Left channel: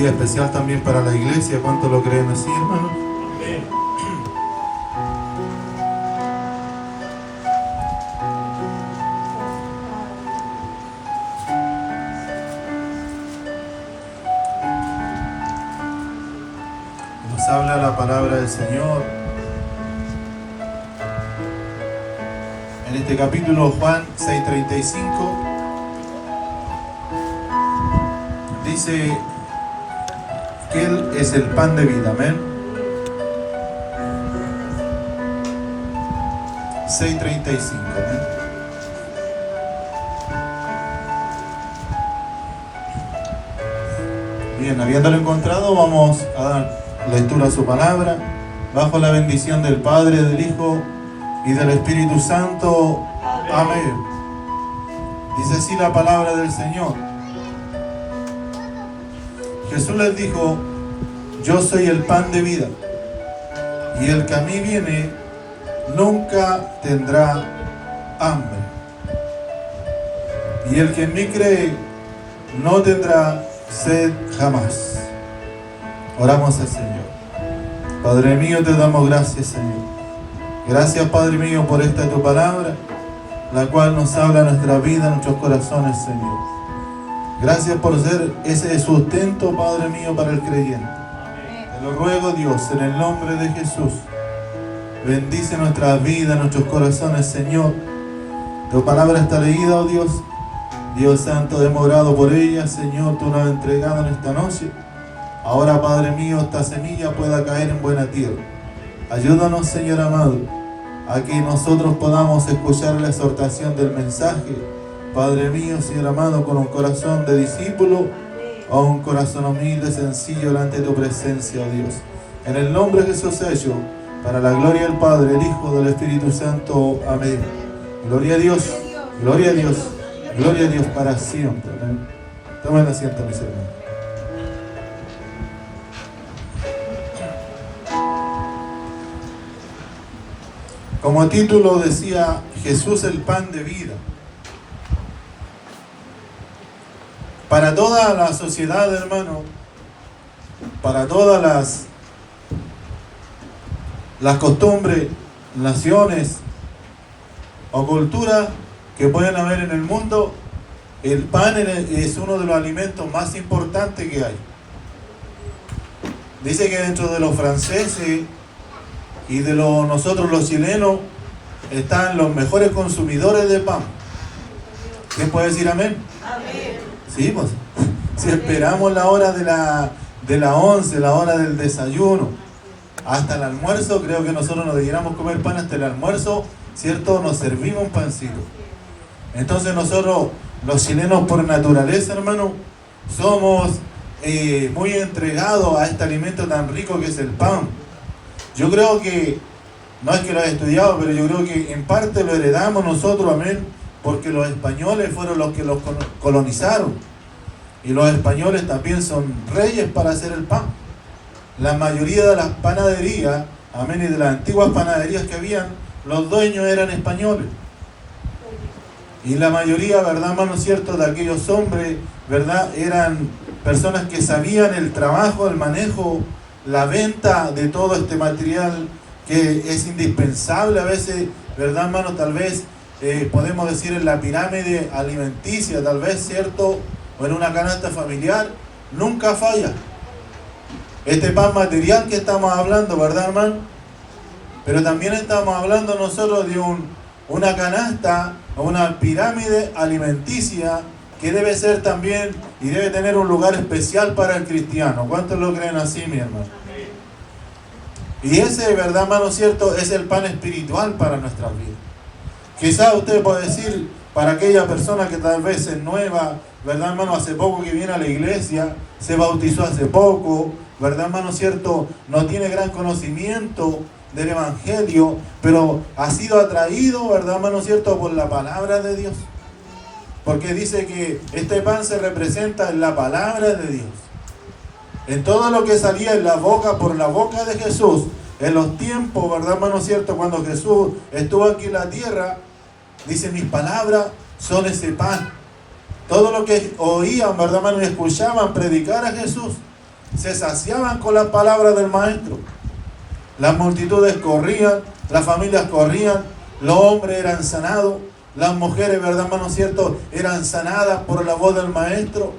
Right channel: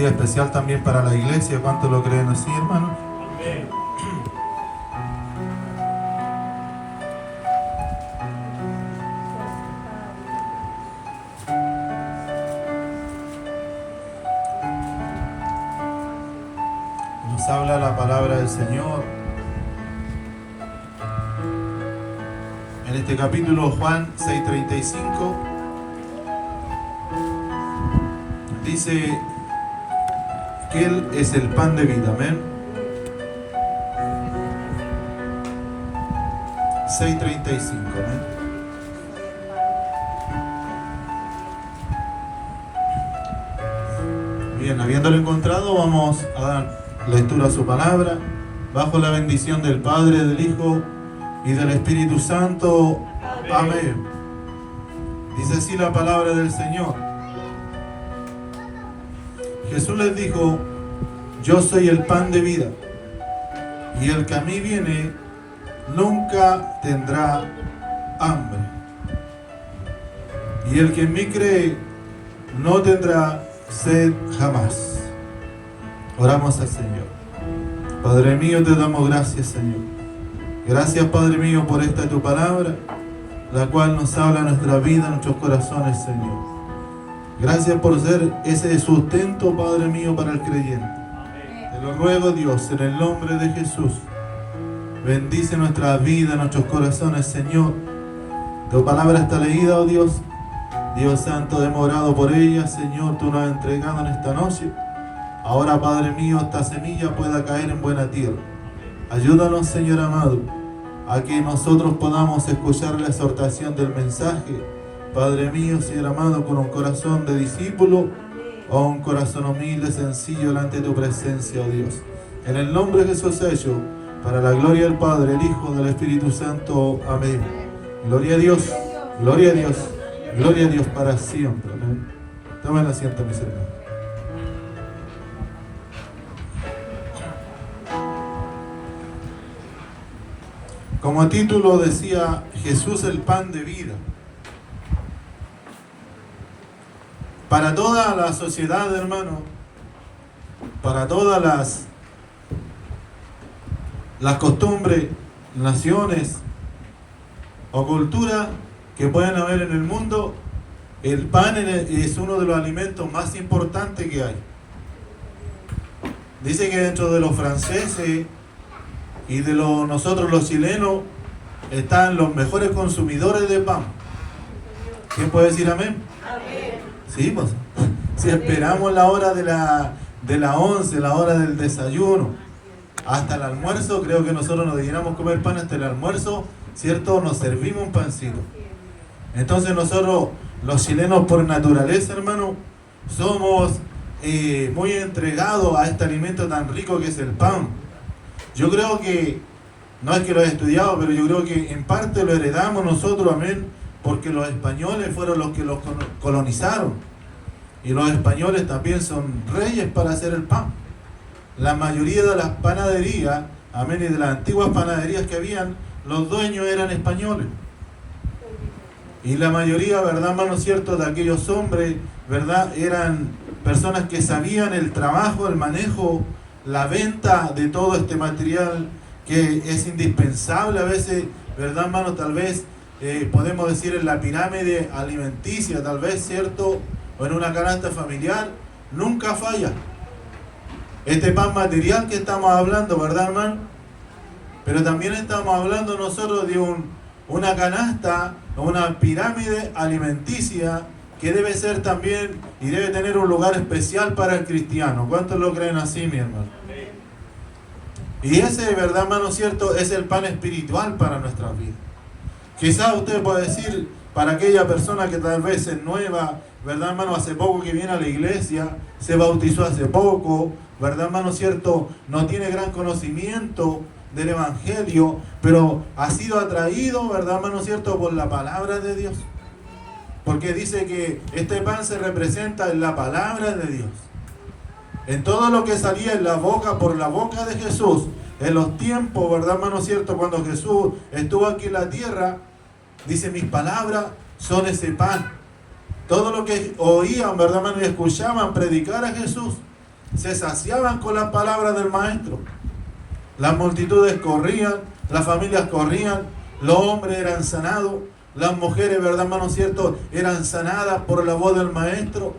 día especial también para la iglesia. ¿Cuántos lo creen así, hermano? Amén. Nos habla la palabra del Señor en este capítulo Juan 6:35. Dice que Él es el pan de vida, amén. 6:35, amén. Bien, habiéndolo encontrado, vamos a dar lectura a su palabra, bajo la bendición del Padre, del Hijo y del Espíritu Santo. Amén. Dice así la palabra del Señor. Jesús les dijo: yo soy el pan de vida, y el que a mí viene nunca tendrá hambre, y el que en mí cree no tendrá sed jamás. Oramos al Señor. Padre mío, te damos gracias, Señor. Gracias, Padre mío, por esta tu palabra, la cual nos habla nuestra vida, nuestros corazones, Señor. Gracias por ser ese sustento, Padre mío, para el creyente. Te lo ruego, Dios, en el nombre de Jesús. Bendice nuestra vida, nuestros corazones, Señor. Tu palabra está leída, oh Dios. Dios Santo, demorado por ella, Señor, tú nos has entregado en esta noche. Ahora, Padre mío, esta semilla pueda caer en buena tierra. Ayúdanos, Señor amado, a que nosotros podamos escuchar la exhortación del mensaje. Padre mío, Señor amado, con un corazón de discípulo o un corazón humilde, sencillo, delante de tu presencia, oh Dios. En el nombre de Jesús hecho, para la gloria del Padre, del Hijo, del Espíritu Santo. Amén. Gloria a Dios, gloria a Dios, gloria a Dios para siempre. Amén. Tomen asiento, mis hermanos. Como título decía, Jesús el pan de vida. Para toda la sociedad, hermano, para todas las costumbres, naciones o culturas que pueden haber en el mundo, el pan es uno de los alimentos más importantes que hay. Dice que dentro de los franceses y de nosotros los chilenos están los mejores consumidores de pan. ¿Quién puede decir amén? Amén. Sí, pues, si esperamos la hora de la 11, la hora del desayuno, hasta el almuerzo, creo que nosotros nos deberíamos comer pan hasta el almuerzo, ¿cierto? Nos servimos un pancito. Entonces nosotros, los chilenos por naturaleza, hermano, somos muy entregados a este alimento tan rico que es el pan. Yo creo que, no es que lo he estudiado, pero yo creo que en parte lo heredamos nosotros, amén, porque los españoles fueron los que los colonizaron. Y los españoles también son reyes para hacer el pan. La mayoría de las panaderías, amén, y de las antiguas panaderías que habían, los dueños eran españoles. Y la mayoría, ¿verdad, hermano, cierto?, de aquellos hombres, ¿verdad?, eran personas que sabían el trabajo, el manejo, la venta de todo este material que es indispensable a veces, ¿verdad, hermano? Tal vez podemos decir en la pirámide alimenticia, tal vez, ¿cierto?, o en una canasta familiar, nunca falla. Este pan material que estamos hablando, ¿verdad, hermano? Pero también estamos hablando nosotros de una canasta o una pirámide alimenticia que debe ser también y debe tener un lugar especial para el cristiano. ¿Cuántos lo creen así, mi hermano? Y ese, ¿verdad, hermano, cierto?, es el pan espiritual para nuestras vidas. Quizás usted puede decir, para aquella persona que tal vez es nueva, ¿verdad, hermano?, hace poco que viene a la iglesia, se bautizó hace poco, ¿verdad, hermano, cierto?, no tiene gran conocimiento del Evangelio, pero ha sido atraído, ¿verdad, hermano, cierto?, por la palabra de Dios. Porque dice que este pan se representa en la palabra de Dios. En todo lo que salía en la boca, por la boca de Jesús, en los tiempos, ¿verdad, hermano, cierto?, cuando Jesús estuvo aquí en la tierra, dice, mis palabras son ese pan. Todo lo que oían, ¿verdad, hermano?, y escuchaban predicar a Jesús, se saciaban con las palabras del maestro. Las multitudes corrían, las familias corrían, los hombres eran sanados, las mujeres, ¿verdad, hermano cierto?, eran sanadas por la voz del maestro,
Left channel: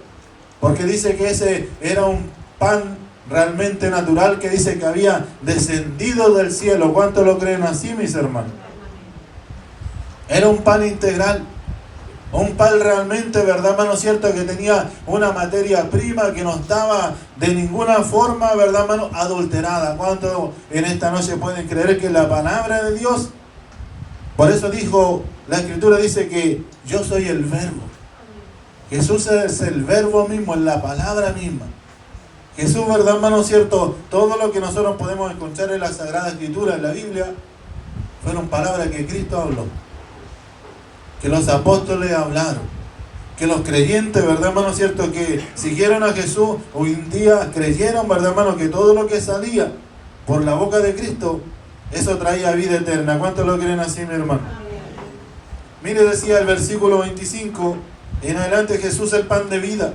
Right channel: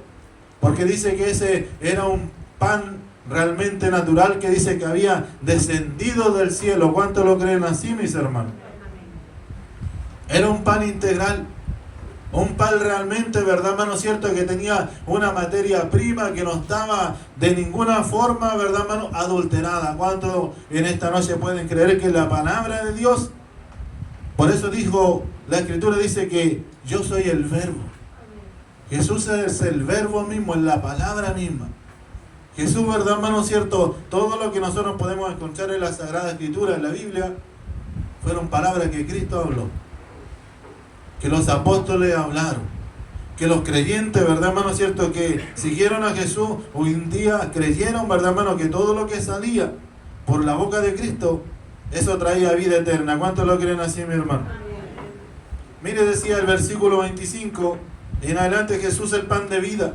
porque dice que ese era un pan realmente natural, que dice que había descendido del cielo. ¿Cuántos lo creen así, mis hermanos? Era un pan integral, un pan realmente, ¿verdad, hermano cierto?, que tenía una materia prima que no estaba de ninguna forma, ¿verdad, hermano?, adulterada. ¿Cuántos en esta noche pueden creer que la palabra de Dios? Por eso dijo, la Escritura dice que yo soy el Verbo. Jesús es el Verbo mismo, es la palabra misma. Jesús, ¿verdad, hermano cierto? Todo lo que nosotros podemos encontrar en la Sagrada Escritura, en la Biblia, fueron palabras que Cristo habló, que los apóstoles hablaron, que los creyentes, ¿verdad, hermano cierto?, que siguieron a Jesús hoy en día creyeron, ¿verdad, hermano?, que todo lo que salía por la boca de Cristo, eso traía vida eterna. ¿Cuántos lo creen así, mi hermano? Mire, decía el versículo 25, en adelante: Jesús el pan de vida.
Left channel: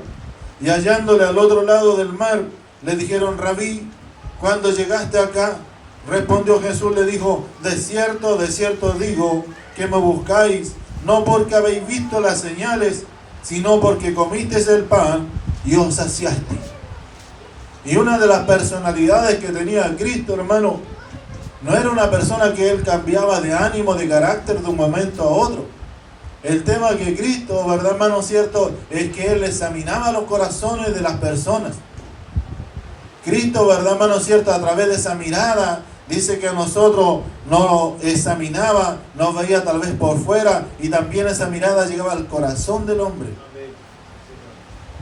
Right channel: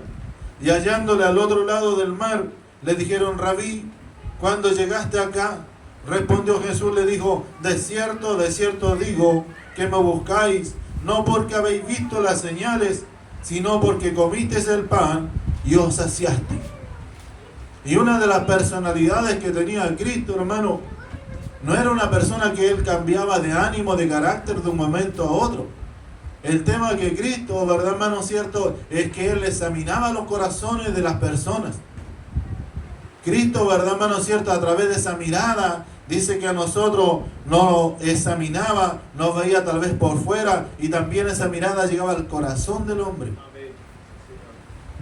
Y hallándole al otro lado del mar, le dijeron: Rabí, ¿cuándo llegaste acá? Respondió Jesús, le dijo: de cierto digo que me buscáis, no porque habéis visto las señales, sino porque comisteis el pan y os saciasteis. Y una de las personalidades que tenía Cristo, hermano, no era una persona que él cambiaba de ánimo, de carácter de un momento a otro. El tema que Cristo, ¿verdad, hermano cierto?, es que él examinaba los corazones de las personas. Cristo, ¿verdad, hermano cierto?, a través de esa mirada, dice que a nosotros nos examinaba, nos veía tal vez por fuera, y también esa mirada llegaba al corazón del hombre.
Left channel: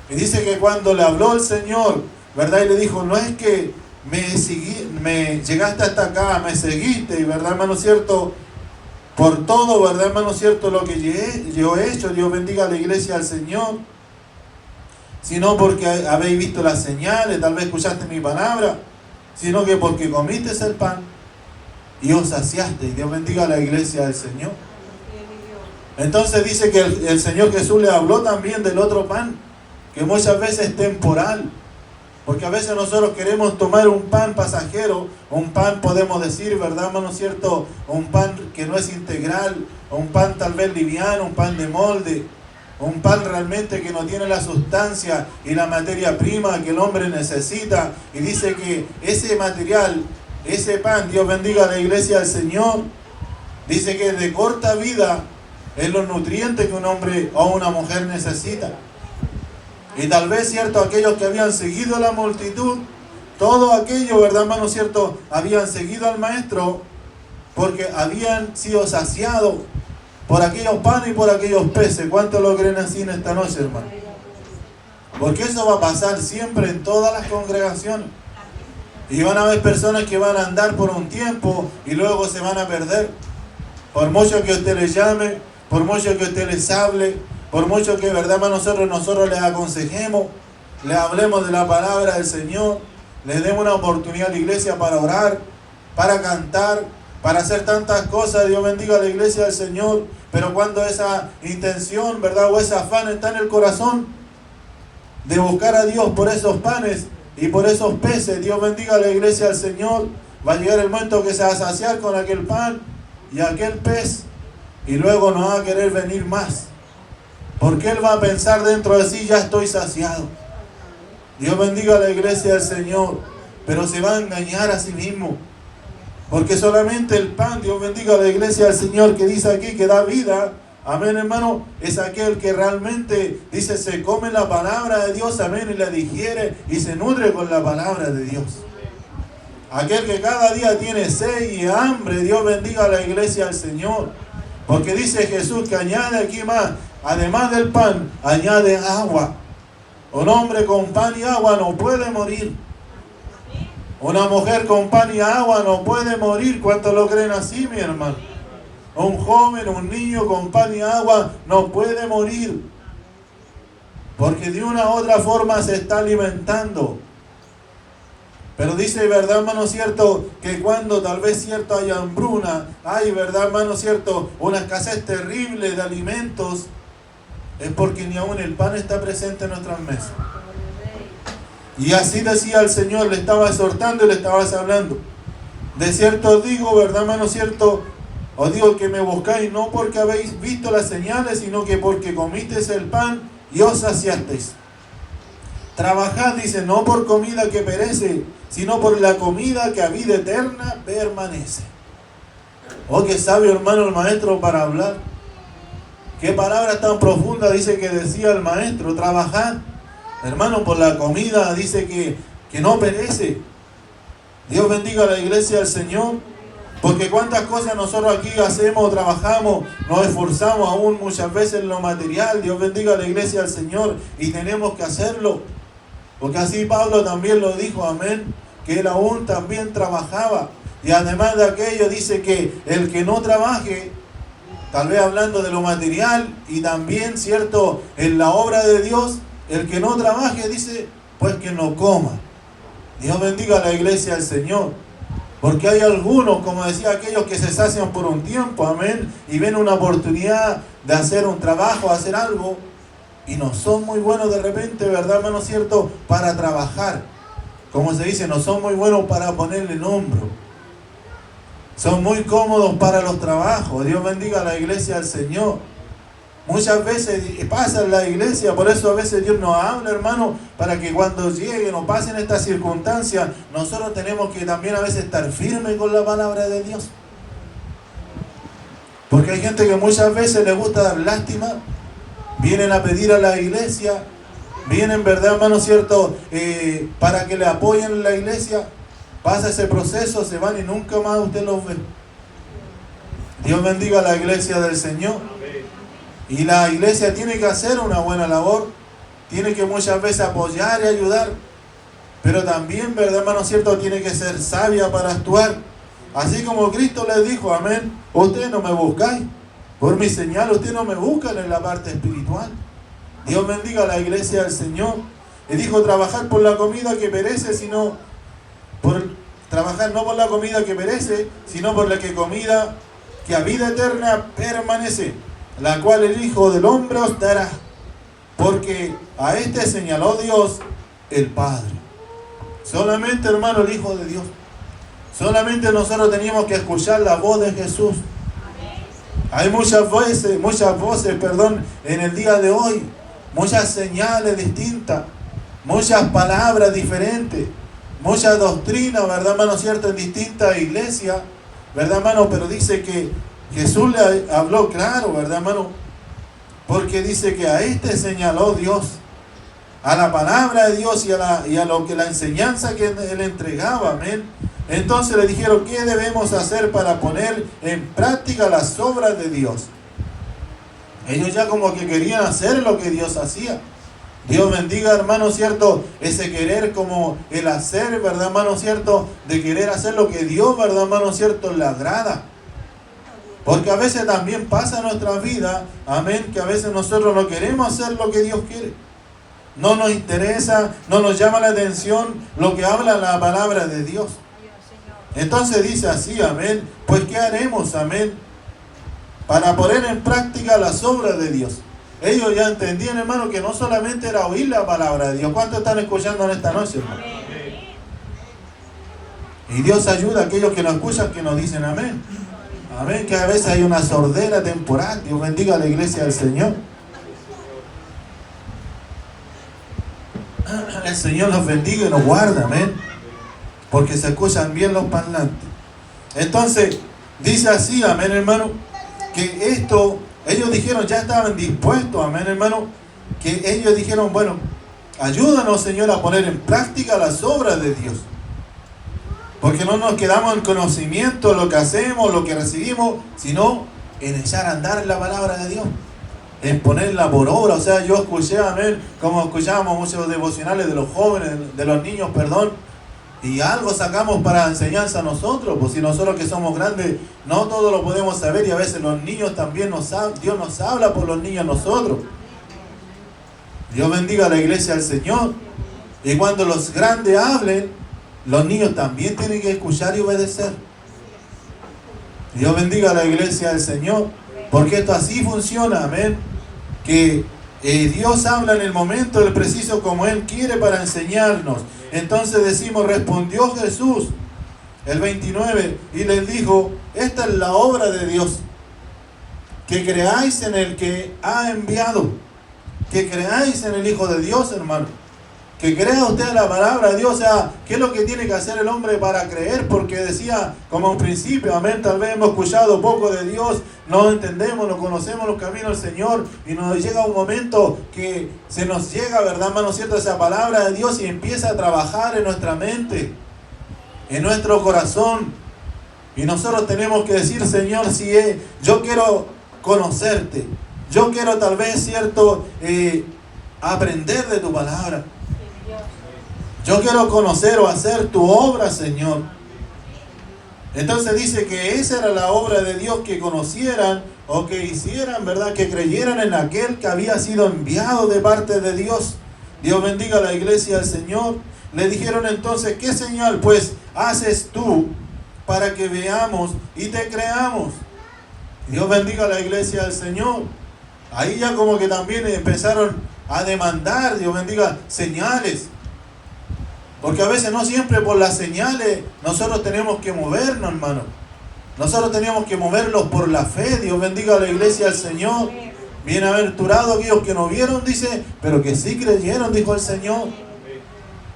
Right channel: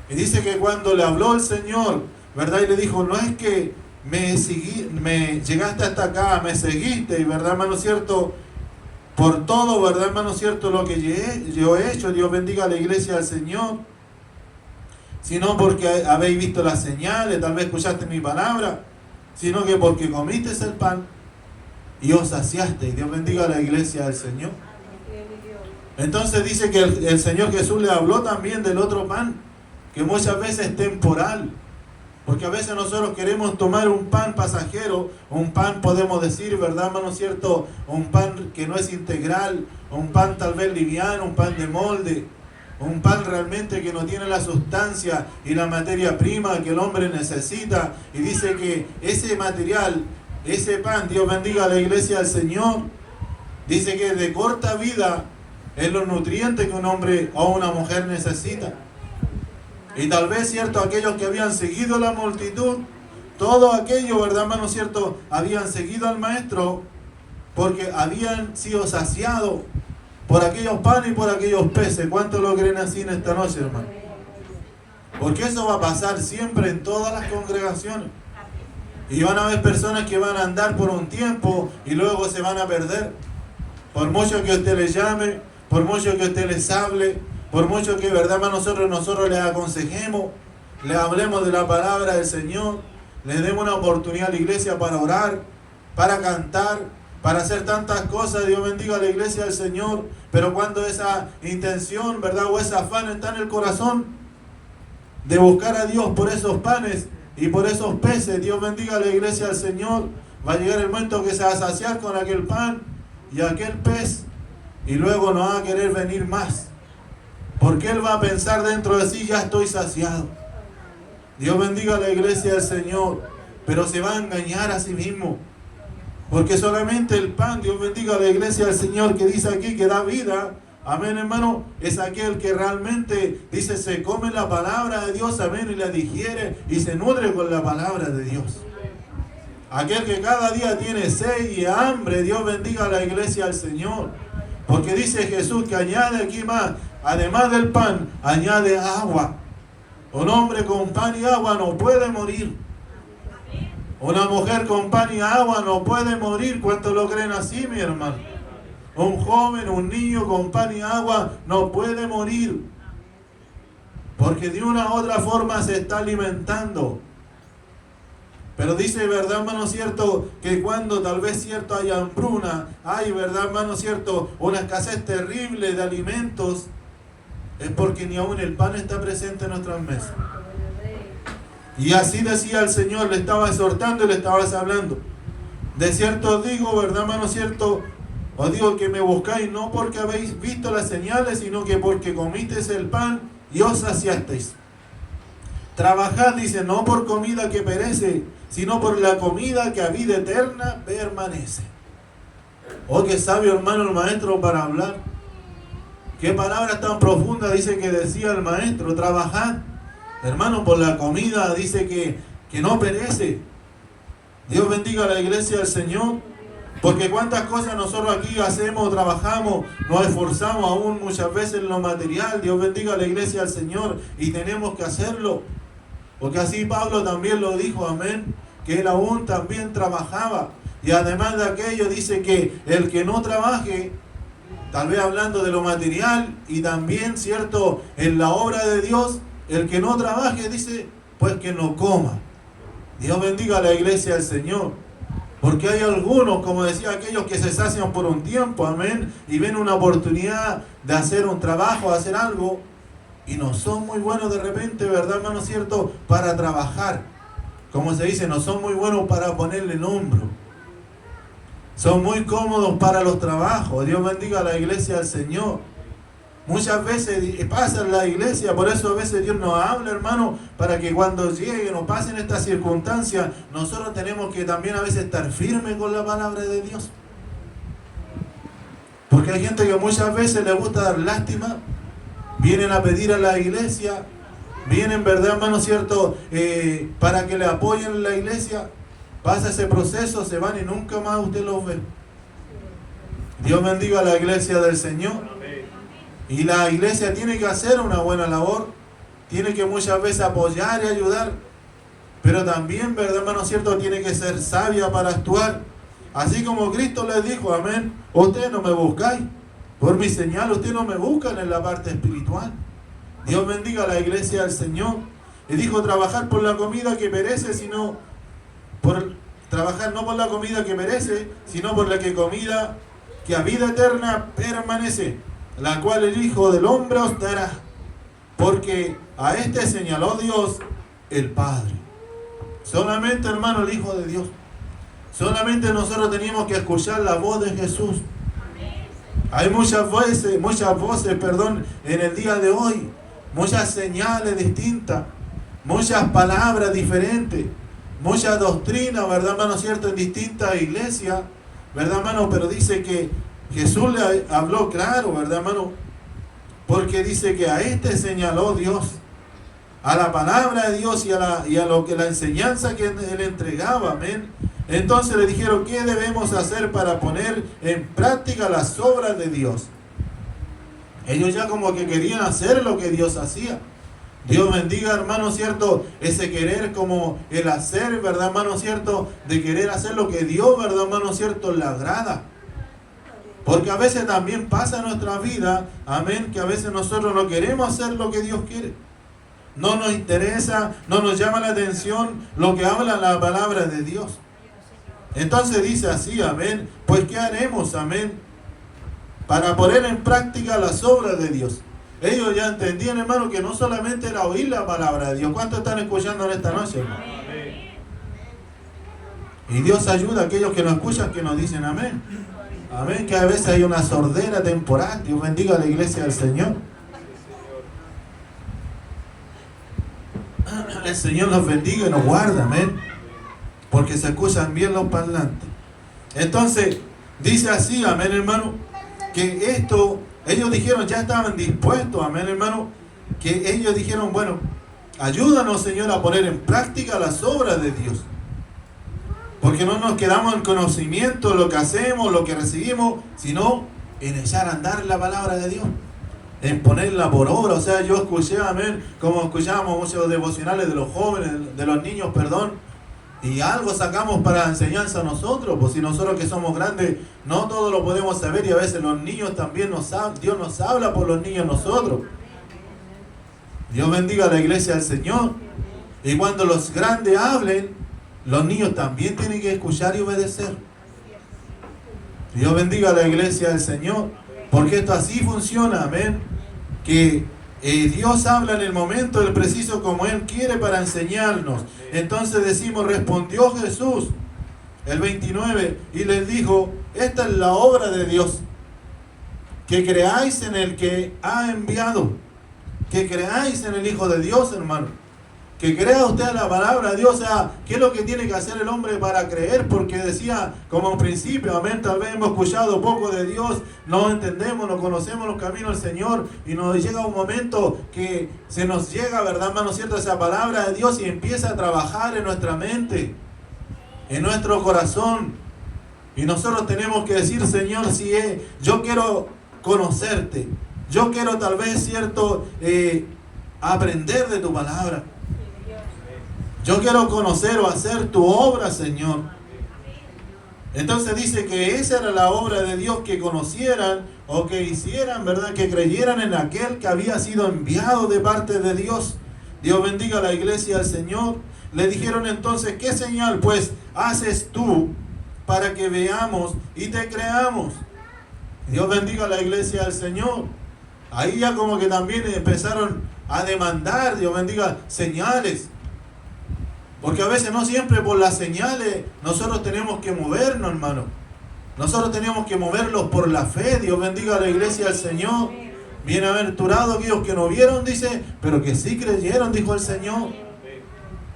Y dice que cuando le habló el Señor, ¿verdad?, y le dijo: no es que me llegaste hasta acá, me seguiste, y ¿verdad, hermano cierto?, por todo, ¿verdad, hermano cierto?, lo que yo he hecho, Dios bendiga a la iglesia del Señor, sino porque habéis visto las señales, tal vez escuchaste mi palabra, sino que porque comiste el pan y os saciaste. Dios bendiga a la iglesia del Señor. Entonces dice que el Señor Jesús le habló también del otro pan, que muchas veces es temporal, porque a veces nosotros queremos tomar un pan pasajero, un pan, podemos decir, ¿verdad, hermano cierto?, un pan que no es integral, un pan tal vez liviano, un pan de molde, un pan realmente que no tiene la sustancia y la materia prima que el hombre necesita. Y dice que ese material, ese pan, Dios bendiga a la iglesia del Señor, dice que es de corta vida en los nutrientes que un hombre o una mujer necesita. Y tal vez, cierto, aquellos que habían seguido la multitud, todo aquello, ¿verdad, hermano cierto?, habían seguido al maestro porque habían sido saciados por aquellos panes y por aquellos peces. ¿Cuántos lo creen así en esta noche, hermano? Porque eso va a pasar siempre en todas las congregaciones. Y van a haber personas que van a andar por un tiempo y luego se van a perder. Por mucho que usted les llame, por mucho que usted les hable, por mucho que, ¿verdad, hermano, nosotros les aconsejemos, les hablemos de la palabra del Señor, les demos una oportunidad a la iglesia para orar, para cantar, para hacer tantas cosas. Dios bendiga a la iglesia del Señor. Pero cuando esa intención, ¿verdad?, o ese afán está en el corazón de buscar a Dios por esos panes y por esos peces, Dios bendiga a la iglesia del Señor, va a llegar el momento que se va a saciar con aquel pan y aquel pez, y luego no va a querer venir más, porque él va a pensar dentro de sí: ya estoy saciado. Dios bendiga a la iglesia del Señor. Pero se va a engañar a sí mismo, porque solamente el pan, Dios bendiga a la iglesia del Señor, que dice aquí que da vida, amén, hermano, es aquel que realmente, dice, se come la palabra de Dios, amén, y la digiere y se nutre con la palabra de Dios. Aquel que cada día tiene sed y hambre, Dios bendiga a la iglesia del Señor, porque dice Jesús que añade aquí más, además del pan, añade agua. Un hombre con pan y agua no puede morir. Una mujer con pan y agua no puede morir. ¿Cuántos lo creen así, mi hermano? Un joven, un niño con pan y agua no puede morir, porque de una u otra forma se está alimentando. Pero dice, ¿verdad, hermano cierto?, que cuando tal vez, cierto, hay hambruna, hay, ¿verdad, hermano cierto?, una escasez terrible de alimentos, es porque ni aún el pan está presente en nuestras mesas. Y así decía el Señor, le estaba exhortando y le estaba hablando. De cierto os digo, ¿verdad, hermano? Cierto os digo que me buscáis no porque habéis visto las señales, sino que porque comisteis el pan y os saciasteis. Trabajad, dice, no por comida que perece, sino por la comida que a vida eterna permanece. Oh, qué sabio, hermano, el maestro para hablar. Qué palabra tan profunda dice que decía el maestro. Trabajad, hermano, por la comida, dice que no perece. Dios bendiga a la iglesia del Señor. Porque cuántas cosas nosotros aquí hacemos, trabajamos, nos esforzamos aún muchas veces en lo material. Dios bendiga a la iglesia del Señor y tenemos que hacerlo. Porque así Pablo también lo dijo, amén, que él aún también trabajaba. Y además de aquello dice que el que no trabaje, tal vez hablando de lo material y también, cierto, en la obra de Dios, el que no trabaje, dice, pues que no coma. Dios bendiga a la iglesia del Señor. Porque hay algunos, como decía aquellos, que se sacian por un tiempo, amén, y ven una oportunidad de hacer un trabajo, de hacer algo, y no son muy buenos de repente, ¿verdad, hermano? Cierto, para trabajar. Como se dice, no son muy buenos para ponerle en hombro. Son muy cómodos para los trabajos. Dios bendiga a la iglesia del Señor. Muchas veces pasa en la iglesia, por eso a veces Dios nos habla, hermano, para que cuando lleguen o pasen estas circunstancias, nosotros tenemos que también a veces estar firmes con la palabra de Dios. Porque hay gente que muchas veces le gusta dar lástima, vienen a pedir a la iglesia, vienen, ¿verdad, hermano, cierto? Para que le apoyen en la iglesia, pasa ese proceso, se van y nunca más usted los ve. Dios bendiga a la iglesia del Señor. Y la iglesia tiene que hacer una buena labor, tiene que muchas veces apoyar y ayudar, pero también, ¿verdad, hermano, cierto? Tiene que ser sabia para actuar. Así como Cristo les dijo, amén, ustedes no me buscáis, por mi señal ustedes no me buscan en la parte espiritual. Dios bendiga a la iglesia del Señor. Y dijo, trabajar por la comida que perece, sino por trabajar no por la comida que perece, sino por la comida que a vida eterna permanece, la cual el Hijo del Hombre os dará, porque a este señaló Dios el Padre. Solamente, hermano, el Hijo de Dios. Solamente nosotros teníamos que escuchar la voz de Jesús. Hay muchas voces, en el día de hoy, muchas señales distintas, muchas palabras diferentes, muchas doctrinas, ¿verdad, hermano, cierto? En distintas iglesias, ¿verdad, hermano? Pero dice que Jesús le habló claro, ¿verdad, hermano? Porque dice que a este señaló Dios, a la palabra de Dios y a lo que la enseñanza que él entregaba, amén. Entonces le dijeron, ¿qué debemos hacer para poner en práctica las obras de Dios? Ellos ya como que querían hacer lo que Dios hacía. Dios bendiga, hermano, cierto, ese querer como el hacer, ¿verdad, hermano, cierto? De querer hacer lo que Dios, ¿verdad, hermano, cierto? Le agrada. Porque a veces también pasa en nuestra vida, amén, que a veces nosotros no queremos hacer lo que Dios quiere. No nos interesa, no nos llama la atención lo que habla la palabra de Dios. Entonces dice así, amén, pues ¿qué haremos, amén? Para poner en práctica las obras de Dios. Ellos ya entendían, hermano, que no solamente era oír la palabra de Dios. ¿Cuántos están escuchando en esta noche, hermano? Y Dios ayuda a aquellos que nos escuchan, que nos dicen amén. Amén, que a veces hay una sordera temporal. Dios bendiga a la iglesia del Señor. El Señor nos bendiga y nos guarda, amén. Porque se escuchan bien los parlantes. Entonces, dice así, amén, hermano, que esto, ellos dijeron, ya estaban dispuestos, amén, hermano, que ellos dijeron, bueno, ayúdanos, Señor, a poner en práctica las obras de Dios. Porque no nos quedamos en conocimiento de lo que hacemos, lo que recibimos, sino en echar a andar la palabra de Dios, en ponerla por obra. O sea, yo escuché, amén, como escuchábamos muchos devocionales de los jóvenes, de los niños, perdón, y algo sacamos para enseñanza a nosotros. Pues si nosotros que somos grandes, no todo lo podemos saber, y a veces los niños también Dios nos habla por los niños nosotros. Dios bendiga a la iglesia del Señor. Y cuando los grandes hablen, los niños también tienen que escuchar y obedecer. Dios bendiga a la iglesia del Señor, porque esto así funciona, amén. Que Dios habla en el momento del preciso como Él quiere para enseñarnos. Entonces decimos, respondió Jesús, el 29, y les dijo, esta es la obra de Dios, que creáis en el que ha enviado, que creáis en el Hijo de Dios, hermano. Que crea usted la palabra de Dios. O sea, ¿qué es lo que tiene que hacer el hombre para creer? Porque decía, como en principio, amén, tal vez hemos escuchado poco de Dios, no entendemos, no conocemos los caminos del Señor, y nos llega un momento que se nos llega, ¿verdad, hermano, cierto? Esa palabra de Dios y empieza a trabajar en nuestra mente, en nuestro corazón. Y nosotros tenemos que decir, Señor, si yo quiero conocerte, yo quiero tal vez, cierto, aprender de tu palabra. Yo quiero conocer o hacer tu obra, Señor. Entonces dice que esa era la obra de Dios, que conocieran o que hicieran, ¿verdad? Que creyeran en aquel que había sido enviado de parte de Dios. Dios bendiga a la iglesia del Señor. Le dijeron entonces, ¿qué señal pues haces tú para que veamos y te creamos? Dios bendiga a la iglesia del Señor. Ahí ya como que también empezaron a demandar, Dios bendiga, señales. Porque a veces no siempre por las señales nosotros tenemos que movernos, hermano. Nosotros tenemos que moverlos por la fe. Dios bendiga a la iglesia del Señor. Bienaventurados aquellos que no vieron, dice, pero que sí creyeron, dijo el Señor.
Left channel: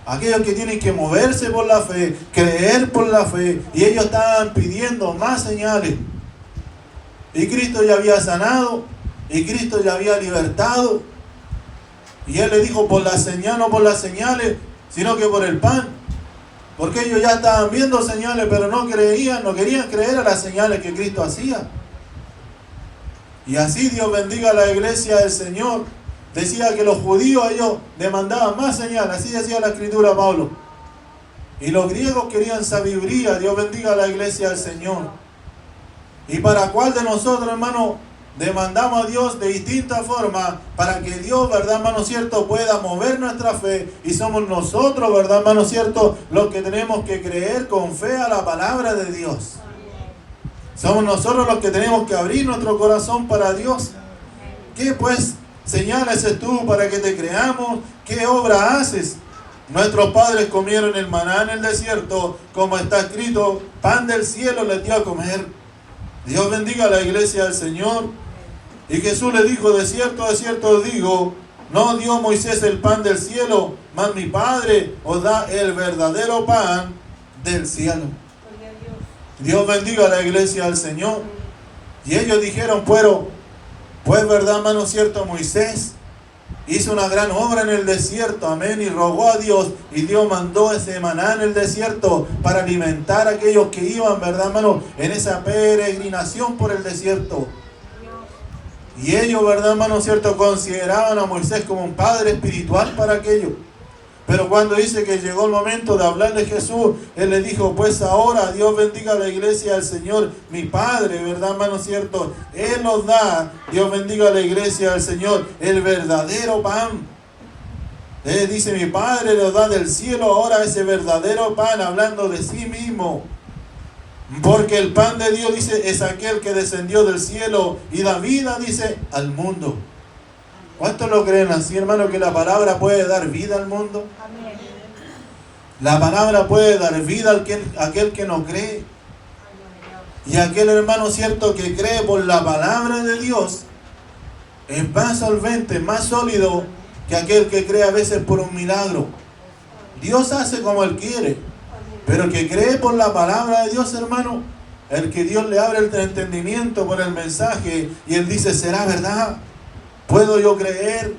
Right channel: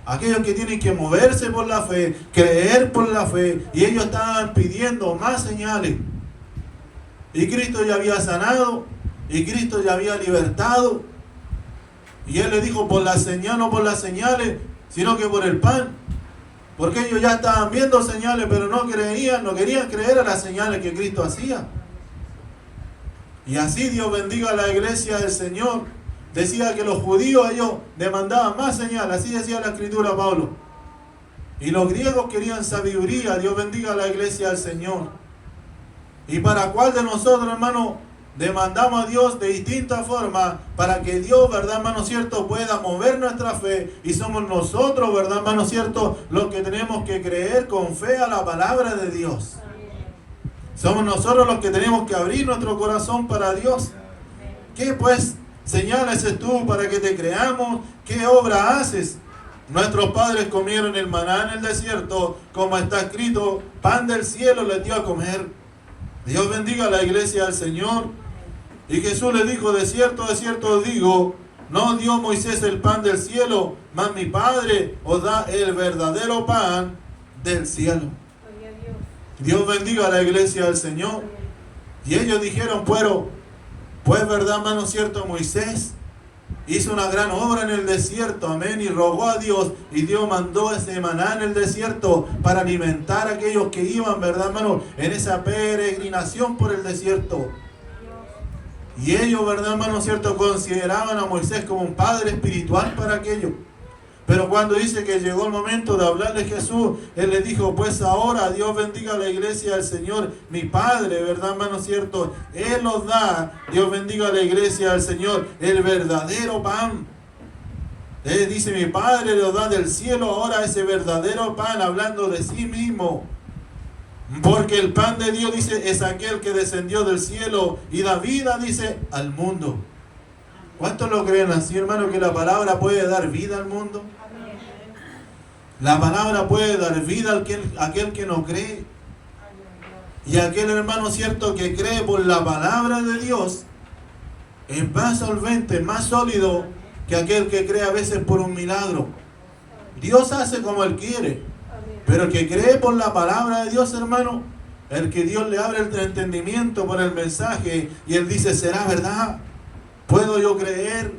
Aquellos que tienen que moverse por la fe, creer por la fe. Y ellos estaban pidiendo más señales. Y Cristo ya había sanado. Y Cristo ya había libertado. Y Él le dijo, por la señal, no por las señales, sino que por el pan. Porque ellos ya estaban viendo señales, pero no creían, no querían creer a las señales que Cristo hacía. Y así, Dios bendiga a la iglesia del Señor. Decía que los judíos, ellos demandaban más señales. Así decía la escritura, Pablo. Y los griegos querían sabiduría. Dios bendiga a la iglesia del Señor. ¿Y para cuál de nosotros, hermano, demandamos a Dios de distintas formas para que Dios, verdad, hermano cierto, pueda mover nuestra fe? Y somos nosotros, verdad, hermano cierto, los que tenemos que creer con fe a la palabra de Dios. Somos nosotros los que tenemos que abrir nuestro corazón para Dios. ¿Qué pues señales es tú para que te creamos? ¿Qué obra haces? Nuestros padres comieron el maná en el desierto, como está escrito, pan del cielo les dio a comer. Dios bendiga a la iglesia del Señor. Y Jesús le dijo, de cierto os digo, no dio Moisés el pan del cielo, mas mi Padre os da el verdadero pan del cielo. Dios bendiga a la iglesia del Señor. Y ellos dijeron, pues verdad, hermano cierto, Moisés hizo una gran obra en el desierto, amén, y rogó a Dios, y Dios mandó ese maná en el desierto para alimentar a aquellos que iban, verdad, hermano, en esa peregrinación por el desierto. Y ellos, verdad, hermano cierto, consideraban a Moisés como un padre espiritual para aquellos. Pero cuando dice que llegó el momento de hablarle a Jesús, Él le dijo, pues ahora Dios bendiga a la iglesia del Señor, mi Padre, ¿verdad, hermano cierto? Él os da, Dios bendiga a la iglesia del Señor, el verdadero pan. Él dice, mi Padre le os da del cielo ahora ese verdadero pan, hablando de sí mismo. Porque el pan de Dios, dice, es aquel que descendió del cielo y da vida, dice, al mundo. ¿Cuántos lo creen así, hermano, que la palabra puede dar vida al mundo? La palabra puede dar vida a aquel que no cree. Y aquel hermano cierto que cree por la palabra de Dios es más solvente, más sólido que aquel que cree a veces por un milagro. Dios hace como Él quiere, pero el que cree por la palabra de Dios, hermano, el que Dios le abre el entendimiento por el mensaje y Él dice, ¿será verdad? ¿Puedo yo creer?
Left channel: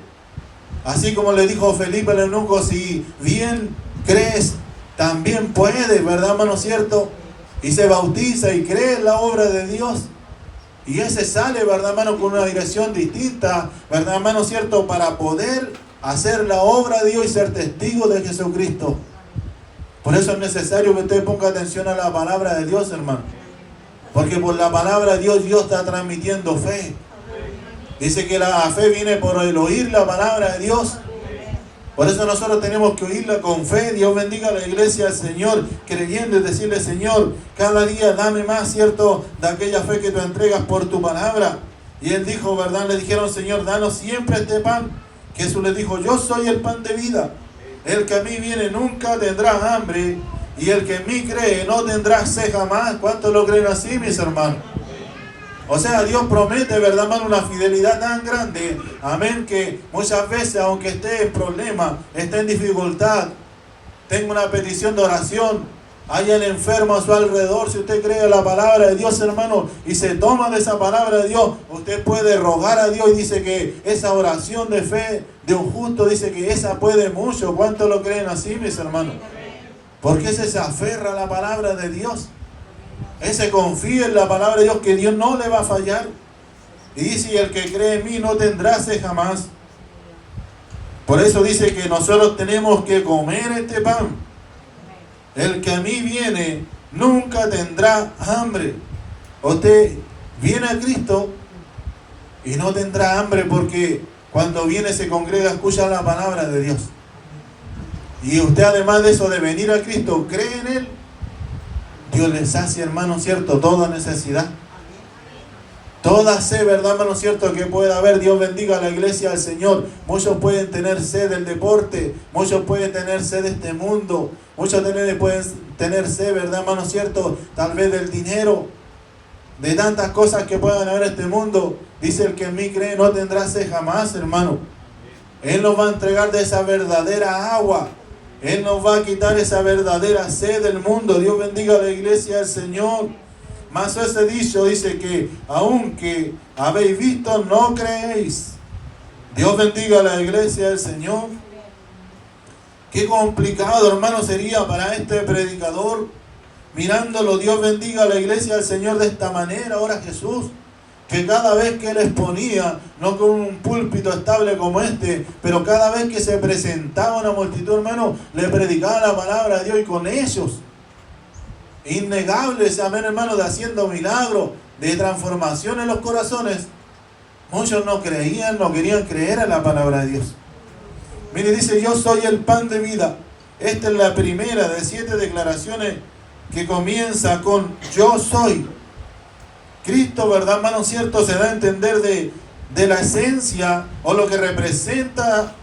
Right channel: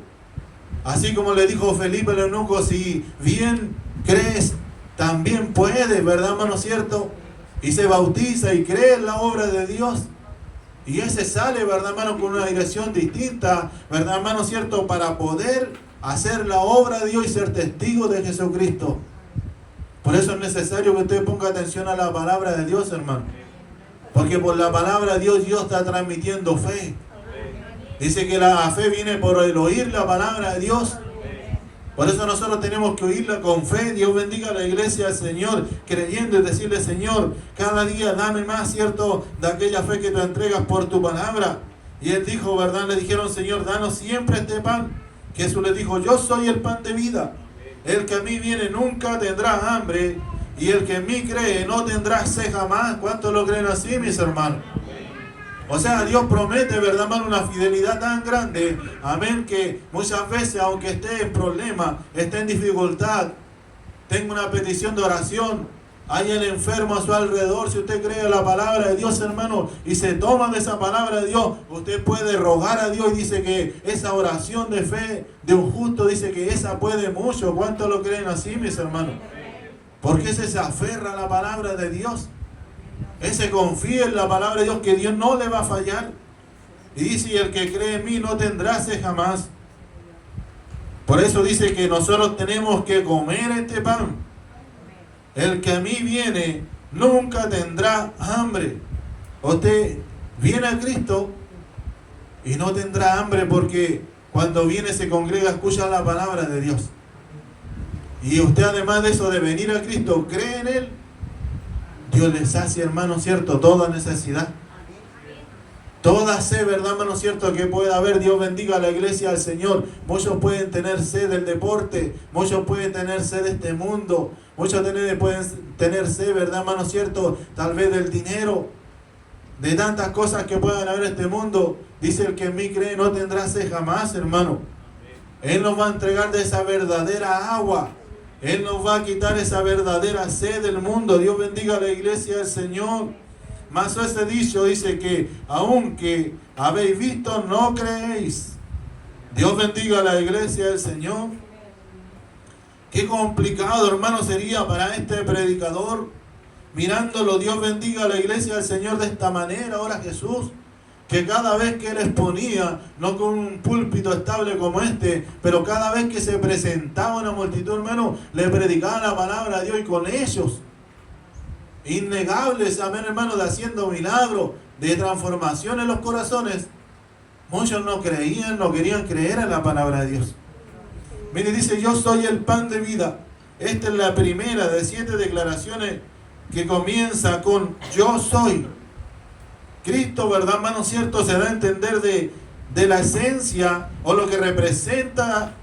Así como le dijo Felipe al eunuco, si bien crees, también puedes, ¿verdad, hermano cierto? Y se bautiza y cree en la obra de Dios. Y ese sale, ¿verdad, hermano, con una dirección distinta, ¿verdad, hermano cierto? Para poder hacer la obra de Dios y ser testigo de Jesucristo. Por eso es necesario que usted ponga atención a la palabra de Dios, hermano. Porque por la palabra de Dios, Dios está transmitiendo fe. Dice que la fe viene por el oír la palabra de Dios. Por eso nosotros tenemos que oírla con fe. Dios bendiga a la iglesia del Señor, creyendo y decirle, Señor, cada día dame más, ¿cierto?, de aquella fe que tú entregas por tu palabra. Y Él dijo, ¿verdad? Le dijeron, Señor, danos siempre este pan. Jesús les dijo, yo soy el pan de vida. El que a mí viene nunca tendrá hambre, y el que en mí cree no tendrá sed jamás. ¿Cuántos lo creen así, mis hermanos? O sea, Dios promete, ¿verdad, hermano? Una fidelidad tan grande, amén, que muchas veces, aunque esté en problema, esté en dificultad, tenga una petición de oración, hay el enfermo a su alrededor, si usted cree la palabra de Dios, hermano, y se toma de esa palabra de Dios, usted puede rogar a Dios, y dice que esa oración de fe de un justo, dice que esa puede mucho. ¿Cuántos lo creen así, mis hermanos? Porque ese se aferra a la palabra de Dios. Ese confía en la palabra de Dios, que Dios no le va a fallar. Y dice, y el que cree en mí no tendrá sed jamás. Por eso dice que nosotros tenemos que comer este pan. El que a mí viene nunca tendrá hambre. Usted viene a Cristo y no tendrá hambre, porque cuando viene, se congrega, escucha la palabra de Dios. Y usted, además de eso, de venir a Cristo, cree en Él, Dios le sacia, hermano, cierto, toda necesidad. Toda sed, ¿verdad, hermano, cierto, que pueda haber? Dios bendiga a la iglesia del Señor. Muchos pueden tener sed del deporte, muchos pueden tener sed de este mundo, muchos pueden tener sed, ¿verdad, hermano, cierto? Tal vez del dinero, de tantas cosas que puedan haber en este mundo. Dice, el que en mí cree no tendrá sed jamás, hermano. Él nos va a entregar de esa verdadera agua. Él nos va a quitar esa verdadera sed del mundo. Dios bendiga a la iglesia del Señor. Más ese dicho dice que aunque habéis visto, no creéis. Dios bendiga a la iglesia del Señor. Qué complicado, hermano, sería para este predicador, mirándolo. Dios bendiga a la iglesia del Señor de esta manera. Ahora Jesús, que cada vez que Él exponía, no con un púlpito estable como este, pero cada vez que se presentaba una multitud, hermano, le predicaba la palabra de Dios, y con ellos, innegables, amén, hermano, de haciendo milagros, de transformación en los corazones. Muchos no creían, no querían creer en la palabra de Dios. Mire, dice, yo soy el pan de vida. Esta es la primera de 7 declaraciones que comienza con yo soy. Cristo, ¿verdad, hermano, cierto? Se da a entender de la esencia, o lo que representa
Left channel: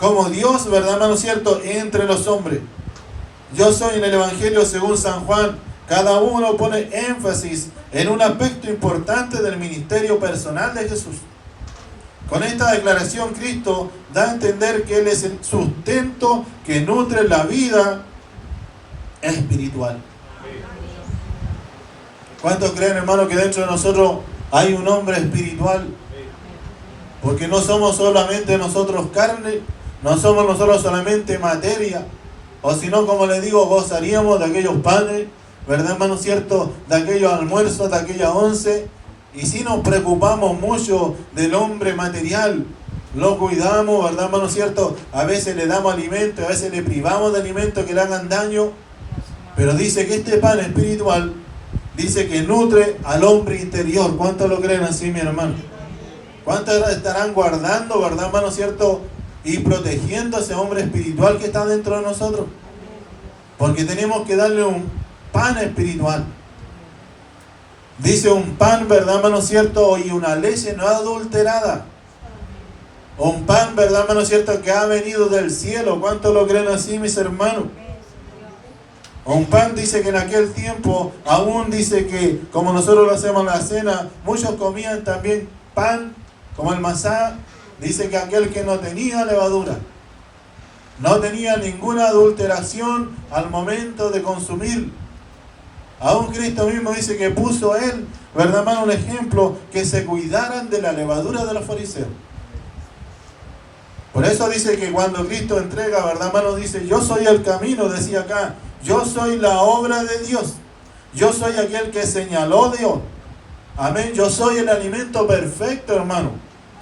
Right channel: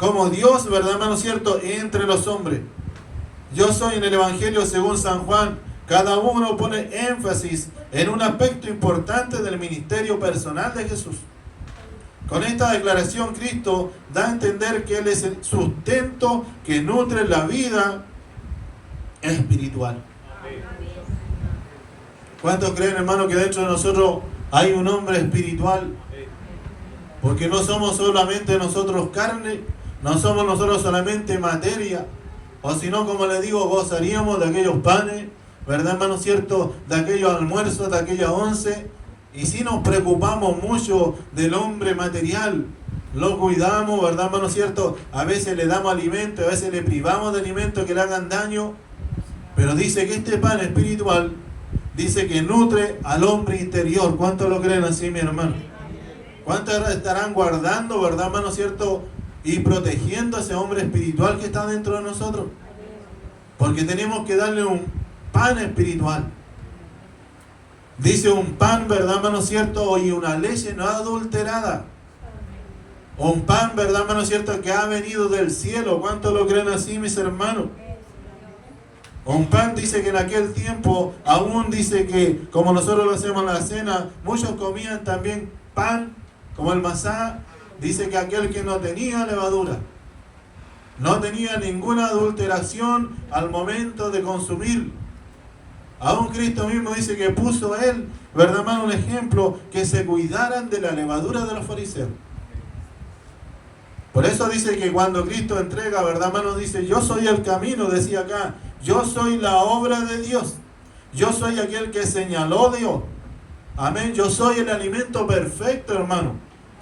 como Dios, ¿verdad, hermano, cierto?, entre los hombres. Yo soy, en el Evangelio según San Juan, cada uno pone énfasis en un aspecto importante del ministerio personal de Jesús. Con esta declaración, Cristo da a entender que Él es el sustento que nutre la vida espiritual. ¿Cuántos creen, hermano, que dentro de nosotros hay un hombre espiritual? Porque no somos solamente nosotros carne, no somos nosotros solamente materia, o si no, como les digo, gozaríamos de aquellos panes, ¿verdad, hermano, cierto?, de aquellos almuerzos, de aquellas once. Y si nos preocupamos mucho del hombre material, lo cuidamos, ¿verdad, hermano, cierto? A veces le damos alimento, a veces le privamos de alimento que le hagan daño. Pero dice que este pan espiritual, dice que nutre al hombre interior. ¿Cuántos lo creen así, mi hermano? ¿Cuántos estarán guardando, verdad, hermano, cierto?, y protegiendo a ese hombre espiritual que está dentro de nosotros? Porque tenemos que darle un pan espiritual. Dice un pan, ¿verdad, hermano, cierto?, y una leche no adulterada. Un pan, ¿verdad, hermano, cierto?, que ha venido del cielo. ¿Cuántos lo creen así, mis hermanos? Un pan, dice que en aquel tiempo, aún dice que, como nosotros lo hacemos en la cena, muchos comían también pan, como el masá. Dice que aquel que no tenía levadura, no tenía ninguna adulteración al momento de consumir. Aún Cristo mismo dice que puso Él, ¿verdad, hermano?, un ejemplo, que se cuidaran de la levadura de los fariseos. Por eso dice que cuando Cristo entrega, ¿verdad, hermano?, dice, yo soy el camino, decía acá, yo soy la obra de Dios, yo soy aquel que señaló Dios. Amén, yo soy el alimento perfecto, hermano.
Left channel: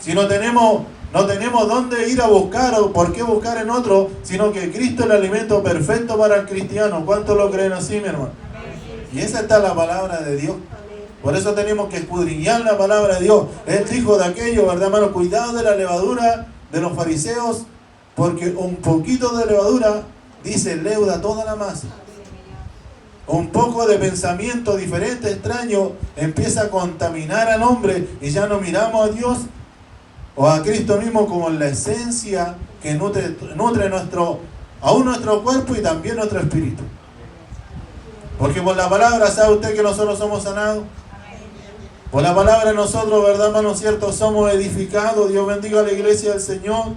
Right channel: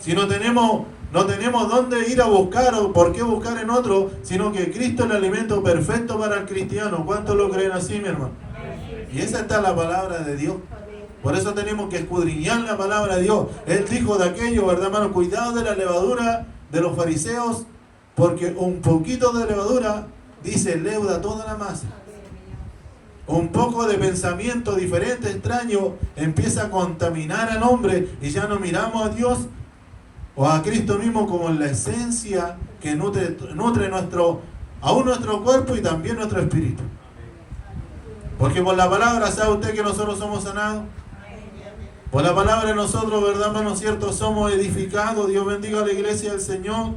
Si no tenemos dónde ir a buscar, o por qué buscar en otro, sino que Cristo es el alimento perfecto para el cristiano. ¿Cuántos lo creen así, mi hermano? Y esa está la palabra de Dios. Por eso tenemos que escudriñar la palabra de Dios. Él dijo de aquello, ¿verdad, hermano? Cuidado de la levadura de los fariseos, porque un poquito de levadura, dice, leuda toda la masa. Un poco de pensamiento diferente, extraño, empieza a contaminar al hombre, y ya no miramos a Dios o a Cristo mismo como la esencia que nutre aún nuestro cuerpo y también nuestro espíritu. Porque por la palabra, ¿sabe usted que nosotros somos sanados? Por la palabra nosotros, ¿verdad, hermano cierto? Somos edificados. Dios bendiga a la iglesia del Señor.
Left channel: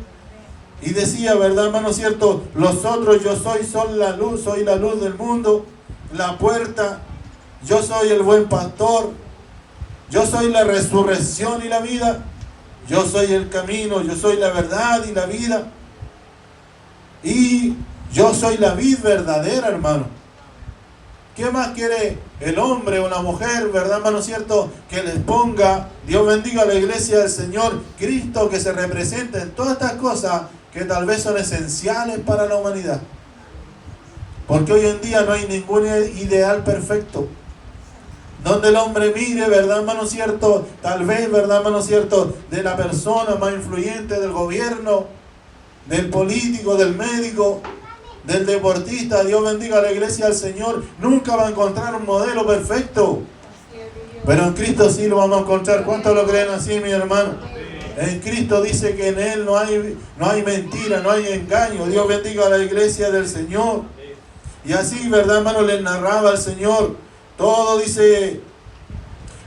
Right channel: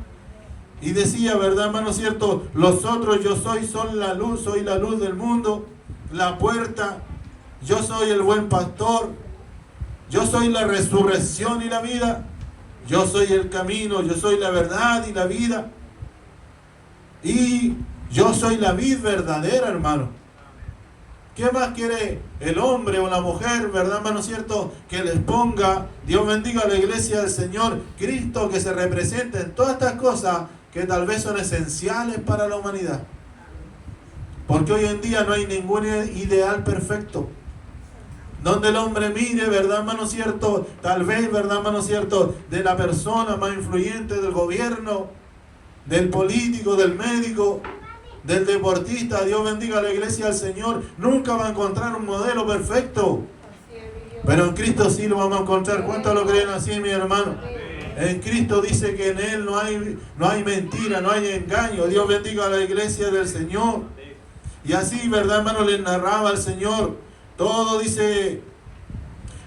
Y decía, ¿verdad, hermano cierto? Los otros, yo soy la luz del mundo, la puerta, yo soy el buen pastor, yo soy la resurrección y la vida, yo soy el camino, yo soy la verdad y la vida, y yo soy la vid verdadera, hermano. ¿Qué más quiere el hombre o la mujer, verdad, hermano cierto? Que les ponga, Dios bendiga a la iglesia del Señor, Cristo, que se represente en todas estas cosas que tal vez son esenciales para la humanidad. Porque hoy en día no hay ningún ideal perfecto. Donde el hombre mire, verdad, hermano cierto, tal vez, verdad, hermano cierto, de la persona más influyente del gobierno, del político, del médico, del deportista, Dios bendiga a la iglesia del Señor, nunca va a encontrar un modelo perfecto. Pero en Cristo sí lo vamos a encontrar. ¿Cuántos lo creen así, mi hermano? En Cristo dice que en Él no hay mentira, no hay engaño. Dios bendiga a la iglesia del Señor. Y así, verdad, hermano, les narraba al Señor. Todo dice,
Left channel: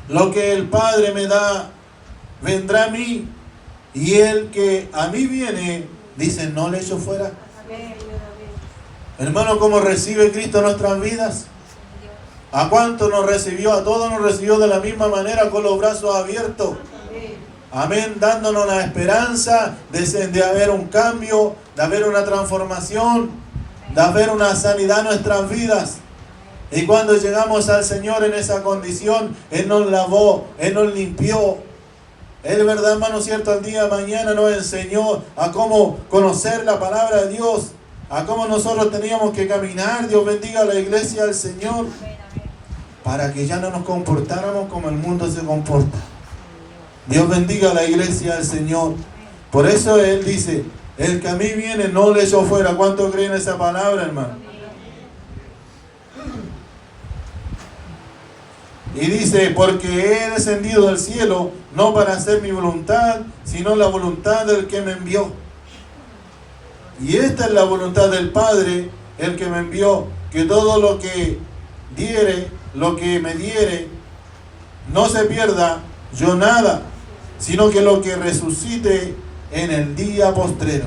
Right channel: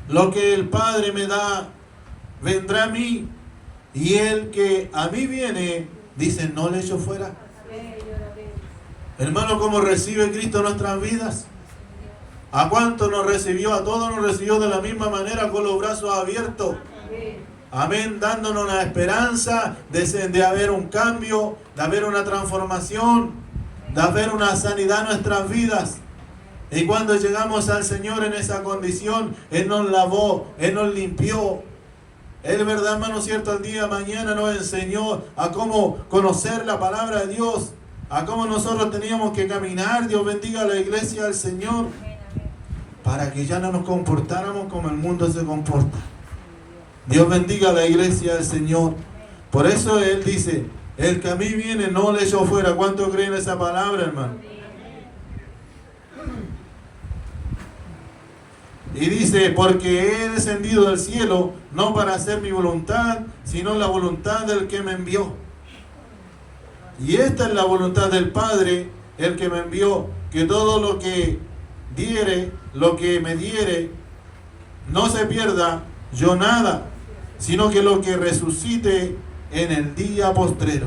lo que el Padre me da, vendrá a mí. Y el que a mí viene, dice, no le echo fuera. Hermano, ¿cómo recibe Cristo nuestras vidas? ¿A cuánto nos recibió? A todos nos recibió de la misma manera, con los brazos abiertos. Amén, dándonos la esperanza de haber un cambio, de haber una transformación, de haber una sanidad en nuestras vidas. Y cuando llegamos al Señor en esa condición, Él nos lavó, Él nos limpió. Él, verdad, hermano cierto, al día de mañana nos enseñó a cómo conocer la palabra de Dios, a cómo nosotros teníamos que caminar. Dios bendiga a la iglesia del Señor, para que ya no nos comportáramos como el mundo se comporta. Dios bendiga a la iglesia del Señor. Por eso Él dice, el que a mí viene no le echo fuera. ¿Cuánto creen esa palabra, hermano? Y dice, porque he descendido del cielo, no para hacer mi voluntad, sino la voluntad del que me envió. Y esta es la voluntad del Padre, el que me envió, que todo lo que diere, lo que me diere, no se pierda yo nada, sino que lo que resucite en el día postrero.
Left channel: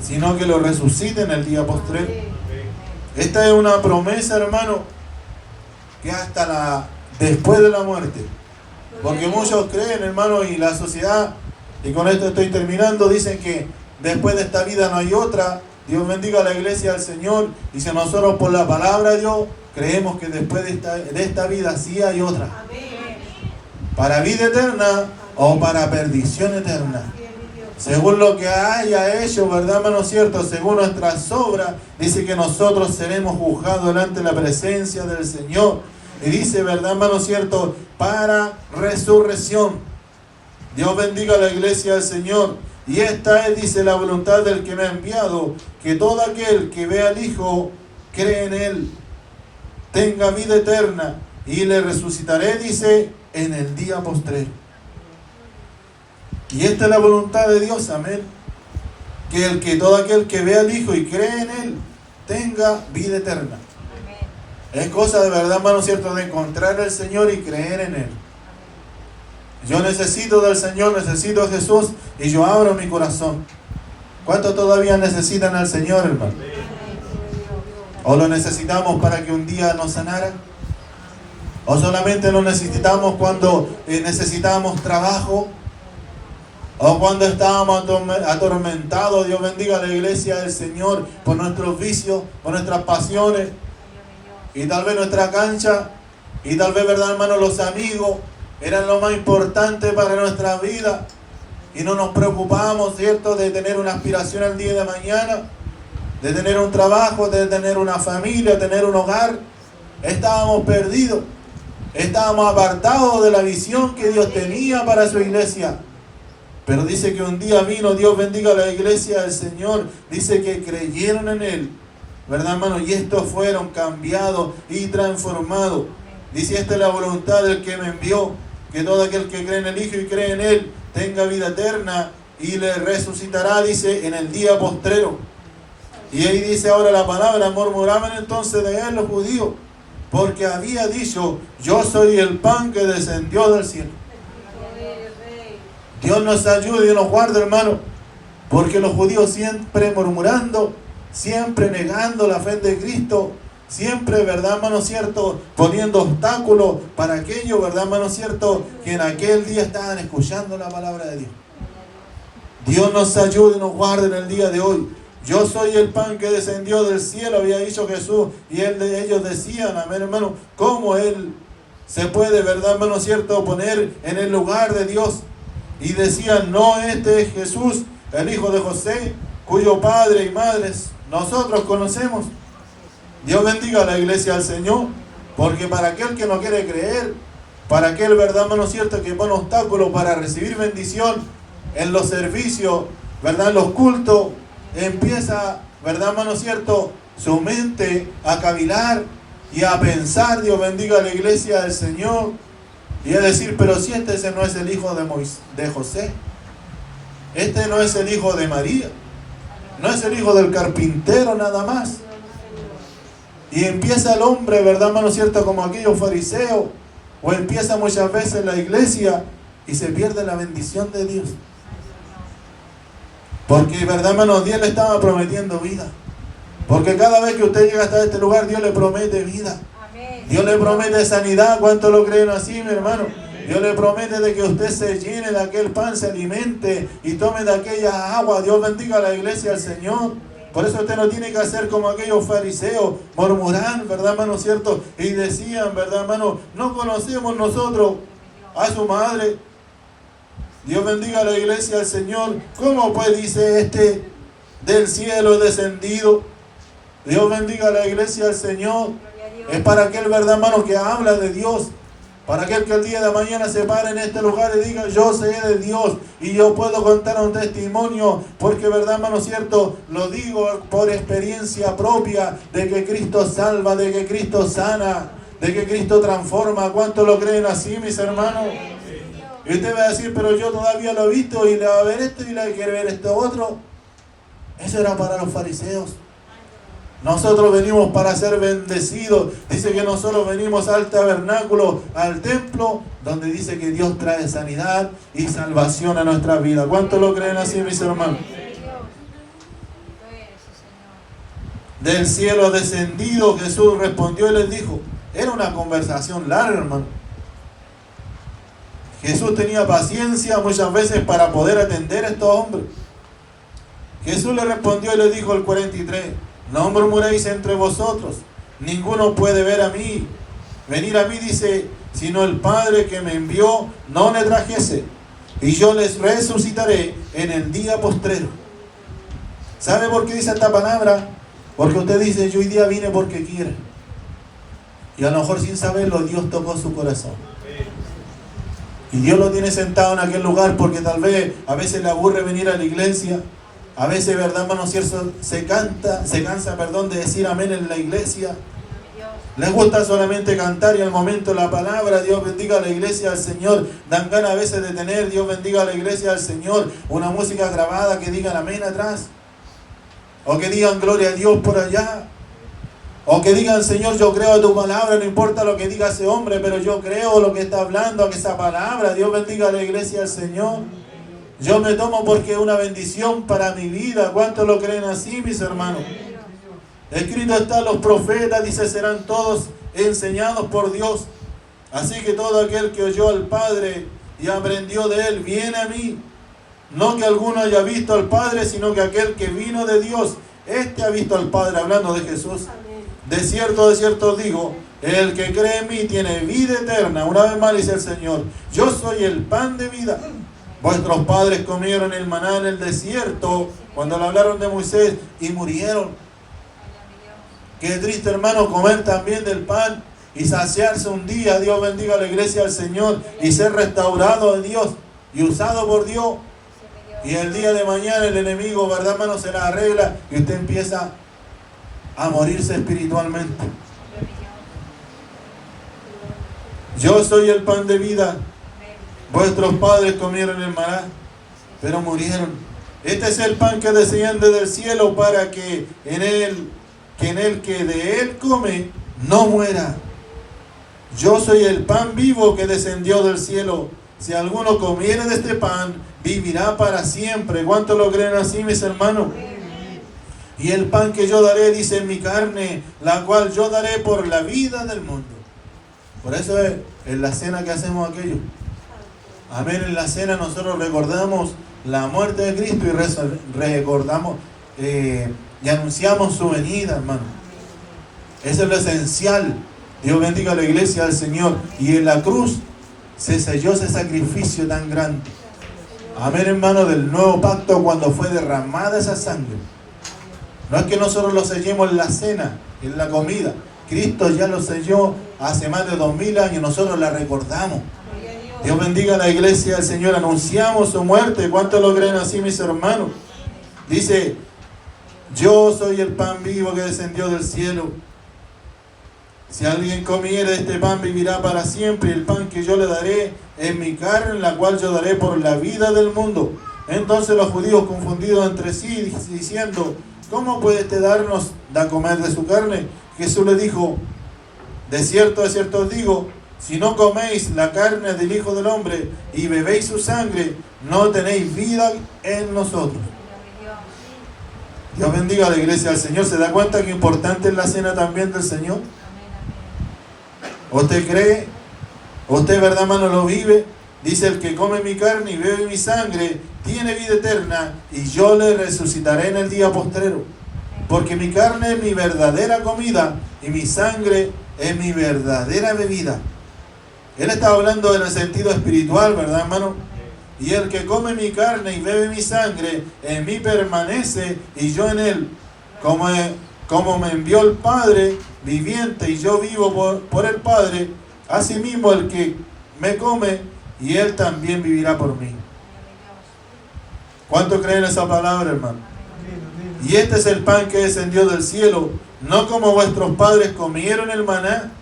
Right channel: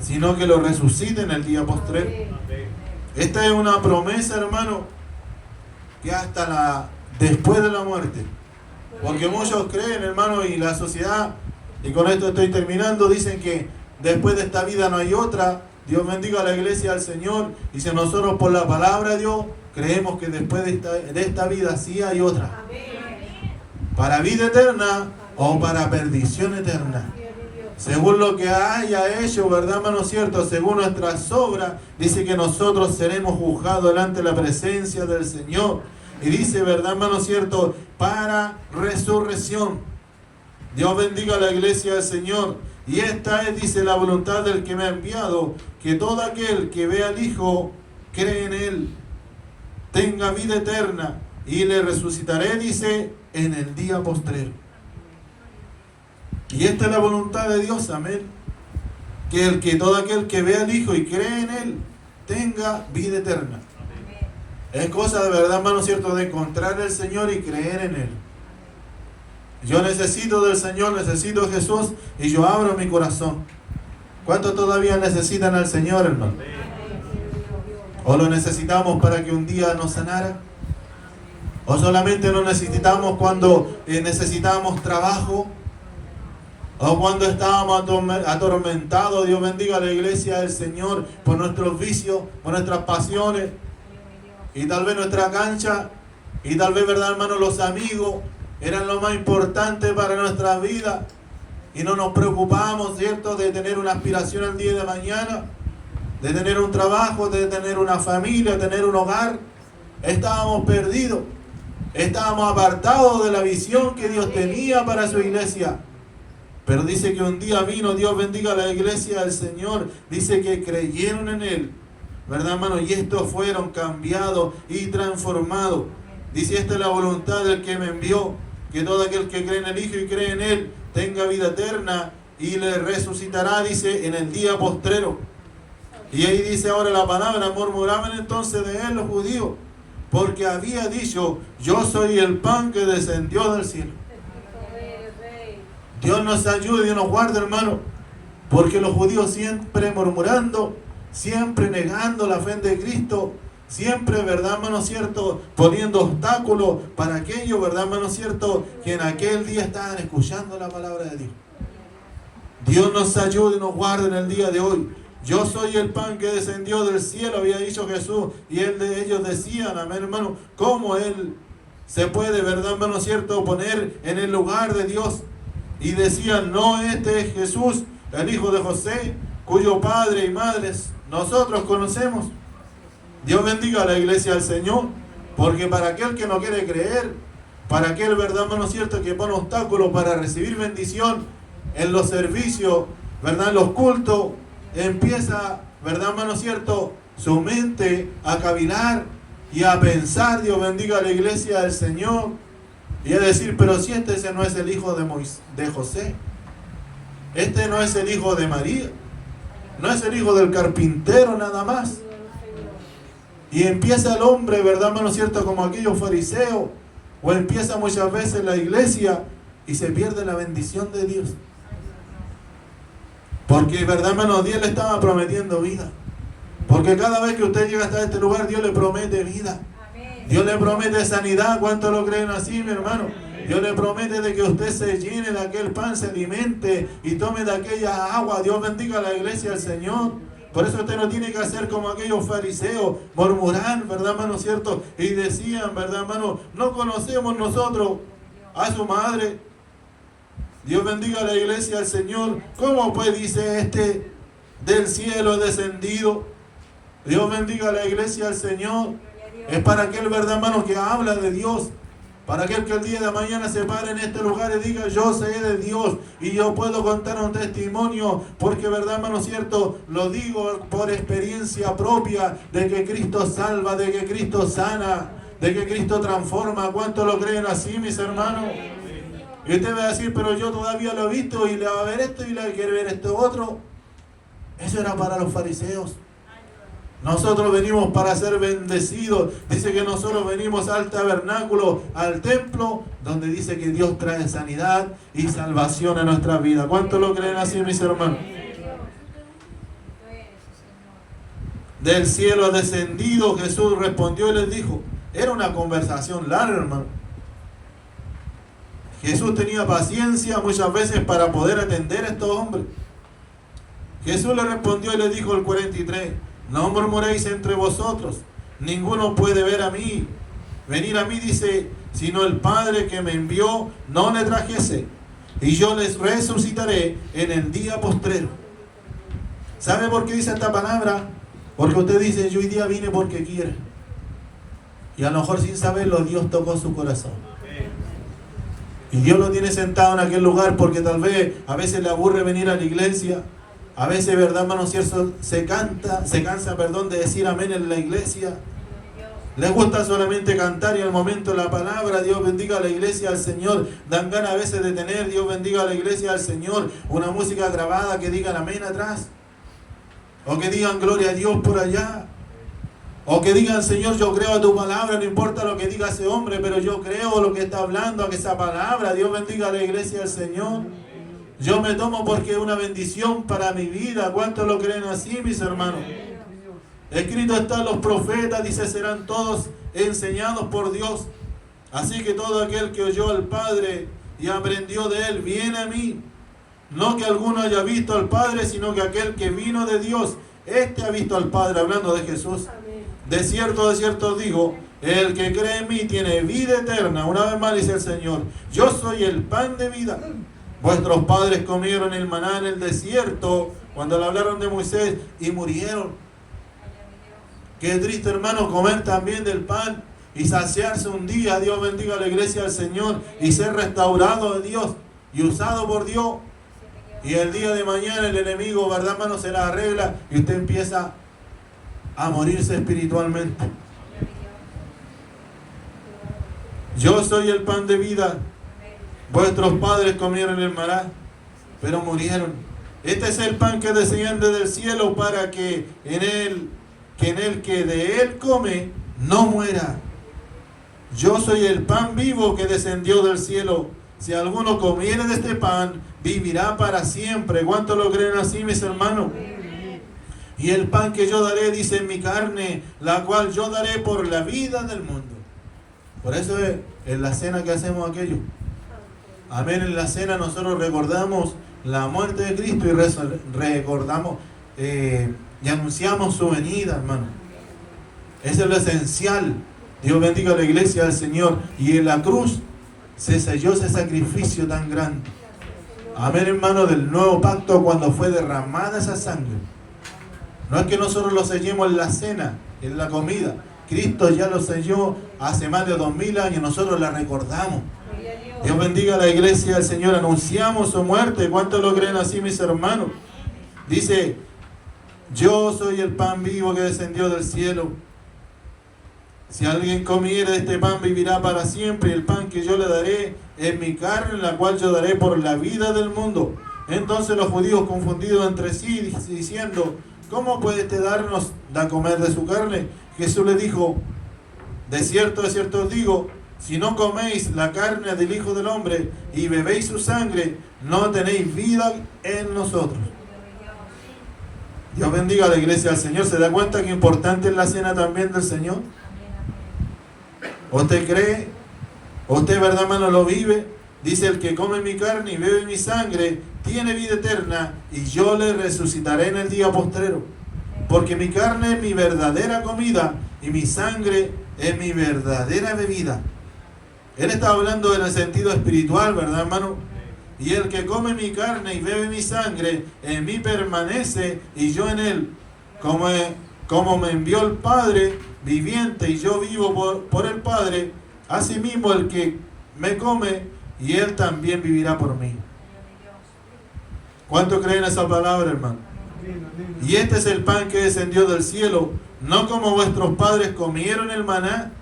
Sino que lo resucite en el día postrero. Esta es una promesa, hermano, que hasta después de la muerte. Porque muchos creen, hermano, y la sociedad, y con esto estoy terminando, dicen que después de esta vida no hay otra. Dios bendiga a la iglesia del Señor. Y si nosotros por la palabra de Dios creemos que después de esta vida sí hay otra. Para vida eterna o para perdición eterna. Según lo que haya hecho, ¿verdad, hermano cierto? Según nuestras obras, dice que nosotros seremos juzgados delante de la presencia del Señor. Y dice, ¿verdad, hermano cierto? Para resurrección. Dios bendiga a la iglesia del Señor. Y esta es, dice, la voluntad del que me ha enviado, que todo aquel que vea al Hijo, cree en Él, tenga vida eterna, y le resucitaré, dice, en el día postrero. Y esta es la voluntad de Dios, amén. Que todo aquel que vea al Hijo y cree en Él, tenga vida eterna. Es cosa de verdad, hermano cierto, de encontrar al Señor y creer en Él. Yo necesito del Señor, necesito de Jesús, y yo abro mi corazón. ¿Cuántos todavía necesitan al Señor, hermano? ¿O lo necesitamos para que un día nos sanara? ¿O solamente lo necesitamos cuando necesitamos trabajo? ¿O cuando estábamos atormentados? Dios bendiga a la iglesia del Señor por nuestros vicios, por nuestras pasiones, y tal vez nuestra cancha, y tal vez, verdad, hermano, los amigos eran lo más importante para nuestra vida, y no nos preocupamos, ¿cierto?, de tener una aspiración al día de mañana, de tener un trabajo, de tener una familia, tener un hogar. Estábamos perdidos, estábamos apartados de la visión que Dios tenía para su iglesia. Pero dice que un día vino, Dios bendiga a la iglesia del Señor, dice que creyeron en Él, ¿verdad, hermano? Y estos fueron cambiados y transformados. Dice, esta es la voluntad del que me envió, que todo aquel que cree en el Hijo y cree en Él, tenga vida eterna y le resucitará, dice, en el día postrero. Y ahí dice ahora la palabra, murmuraban entonces de él los judíos, porque había dicho, yo soy el pan que descendió del cielo. Dios nos ayude y nos guarde, hermano, porque los judíos siempre murmurando, siempre negando la fe de Cristo, siempre, ¿verdad, hermano cierto?, poniendo obstáculos para aquellos, ¿verdad, hermano cierto?, que en aquel día estaban escuchando la palabra de Dios. Dios nos ayude y nos guarde en el día de hoy. Yo soy el pan que descendió del cielo, había dicho Jesús, y ellos decían, amén, hermano, cómo Él se puede, ¿verdad, hermano cierto?, poner en el lugar de Dios. Y decían, no, este es Jesús, el hijo de José, cuyo padre y madres nosotros conocemos. Dios bendiga a la iglesia del Señor, porque para aquel que no quiere creer, para aquel, ¿verdad, hermano cierto?, que pone obstáculos para recibir bendición en los servicios, ¿verdad?, en los cultos, empieza, ¿verdad, hermano cierto?, su mente a cavilar y a pensar, Dios bendiga a la iglesia del Señor, y a decir, pero si ese no es el hijo de José, este no es el hijo de María, no es el hijo del carpintero nada más. Y empieza el hombre, ¿verdad, hermano cierto?, como aquellos fariseos, o empieza muchas veces la iglesia y se pierde la bendición de Dios. Porque, ¿verdad, hermano? Dios le estaba prometiendo vida. Porque cada vez que usted llega hasta este lugar, Dios le promete vida. Dios le promete sanidad. ¿Cuántos lo creen así, mi hermano? Dios le promete de que usted se llene de aquel pan, se alimente y tome de aquella agua. Dios bendiga a la iglesia del Señor. Por eso usted no tiene que hacer como aquellos fariseos, murmurar, ¿verdad, hermano cierto? Y decían, ¿verdad, hermano? No conocemos nosotros a su madre. Dios bendiga a la iglesia del Señor. ¿Cómo pues dice este del cielo descendido? Dios bendiga a la iglesia del Señor. Es para aquel, ¿verdad, hermano?, que habla de Dios. Para aquel que el día de mañana se pare en este lugar y diga, yo sé de Dios y yo puedo contar un testimonio, porque, ¿verdad, hermano cierto?, lo digo por experiencia propia, de que Cristo salva, de que Cristo sana, de que Cristo transforma. ¿Cuántos lo creen así, mis hermanos? Y usted va a decir, pero yo todavía lo he visto y le va a ver esto y le quiere ver esto otro. Eso era para los fariseos. Nosotros venimos para ser bendecidos. Dice que nosotros venimos al tabernáculo, al templo, donde dice que Dios trae sanidad y salvación a nuestra vida. ¿Cuántos lo creen así, mis hermanos? Del cielo descendido, Jesús respondió y les dijo. Era una conversación larga, hermano. Jesús tenía paciencia muchas veces para poder atender a estos hombres. Jesús le respondió y le dijo el 43, no murmuréis entre vosotros, ninguno puede venir a mí, dice, sino el Padre que me envió no le trajese, y yo les resucitaré en el día postrero. ¿Sabe por qué dice esta palabra? Porque usted dice, yo hoy día vine porque quiere. Y a lo mejor sin saberlo, Dios tocó su corazón. Y Dios lo tiene sentado en aquel lugar porque tal vez a veces le aburre venir a la iglesia. A veces, ¿verdad, hermano cierto?, se cansa, de decir amén en la iglesia. Les gusta solamente cantar y al momento de la palabra, Dios bendiga a la iglesia del Señor. Dan ganas a veces de tener, Dios bendiga a la iglesia del Señor, una música grabada que digan amén atrás. O que digan gloria a Dios por allá. O que digan, Señor, yo creo tu palabra, no importa lo que diga ese hombre, pero yo creo lo que está hablando, que esa palabra. Dios bendiga a la iglesia del Señor. Yo me tomo porque es una bendición para mi vida. ¿Cuántos lo creen así, mis hermanos? Escrito está, los profetas, dice, serán todos enseñados por Dios. Así que todo aquel que oyó al Padre y aprendió de Él, viene a mí. No que alguno haya visto al Padre, sino que aquel que vino de Dios, este ha visto al Padre, hablando de Jesús. De cierto os digo, el que cree en mí tiene vida eterna. Una vez más dice el Señor, yo soy el pan de vida. Vuestros padres comieron el maná en el desierto, cuando le hablaron de Moisés, y murieron. Qué triste, hermano, comer también del pan y saciarse un día. Dios bendiga a la iglesia del Señor y ser restaurado de Dios y usado por Dios. Y el día de mañana el enemigo, ¿verdad, hermano?, se la arregla y usted empieza a morirse espiritualmente. Yo soy el pan de vida. Vuestros padres comieron el maná, pero murieron. Este es el pan que desciende del cielo para que en él que de él come no muera. Yo soy el pan vivo que descendió del cielo. Si alguno comiere de este pan, vivirá para siempre. ¿Cuánto lo creen así, mis hermanos? Y el pan que yo daré, dice, mi carne, la cual yo daré por la vida del mundo. Por eso es en la cena que hacemos aquello. Amén. En la cena nosotros recordamos la muerte de Cristo y recordamos y anunciamos su venida, hermano. Eso es lo esencial. Dios bendiga a la iglesia del Señor. Y en la cruz se selló ese sacrificio tan grande. Amén, hermano, del nuevo pacto, cuando fue derramada esa sangre. No es que nosotros lo sellemos en la cena, en la comida. Cristo ya lo selló hace más de 2000 años. Nosotros la recordamos. Dios bendiga a la iglesia del Señor. Anunciamos su muerte. ¿Cuántos lo creen así, mis hermanos? Dice: yo soy el pan vivo que descendió del cielo. Si alguien comiere este pan, vivirá para siempre. El pan que yo le daré es mi carne, la cual yo daré por la vida del mundo. Entonces los judíos, confundidos entre sí, diciendo: ¿cómo puede este darnos a comer de su carne? Jesús le dijo: de cierto os digo, si no coméis la carne del Hijo del Hombre y bebéis su sangre, no tenéis vida en nosotros. Dios bendiga a la iglesia del Señor. ¿Se da cuenta que importante es la cena también del Señor? ¿Usted cree? ¿Usted, verdad, hermano, lo vive? Dice: el que come mi carne y bebe mi sangre tiene vida eterna, y yo le resucitaré en el día postrero. Porque mi carne es mi verdadera comida y mi sangre es mi verdadera bebida. Él está hablando en el sentido espiritual, ¿verdad, hermano? Y el que come mi carne y bebe mi sangre, en mí permanece y yo en él. Como me envió el Padre viviente y yo vivo por el Padre, asimismo el que me come y él también vivirá por mí. ¿Cuánto creen esa palabra, hermano? Y este es el pan que descendió del cielo, no como vuestros padres comieron el maná.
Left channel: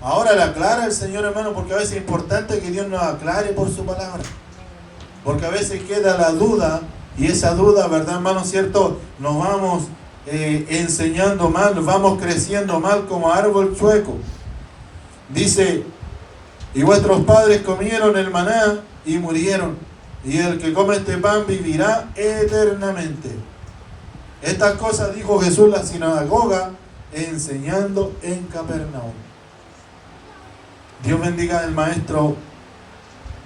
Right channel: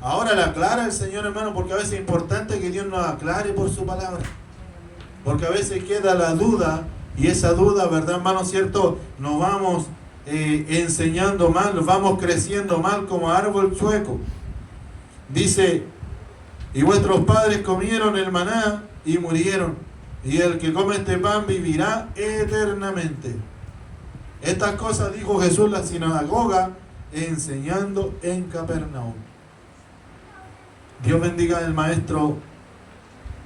Ahora le aclara el Señor, hermano, porque a veces es importante que Dios nos aclare por su palabra. Porque a veces queda la duda, y esa duda, ¿verdad, hermano? ¿Cierto? Nos vamos enseñando mal, nos vamos creciendo mal como árbol chueco. Dice: y vuestros padres comieron el maná y murieron, y el que come este pan vivirá eternamente. Estas cosas dijo Jesús en la sinagoga, enseñando en Capernaum. Dios bendiga al maestro,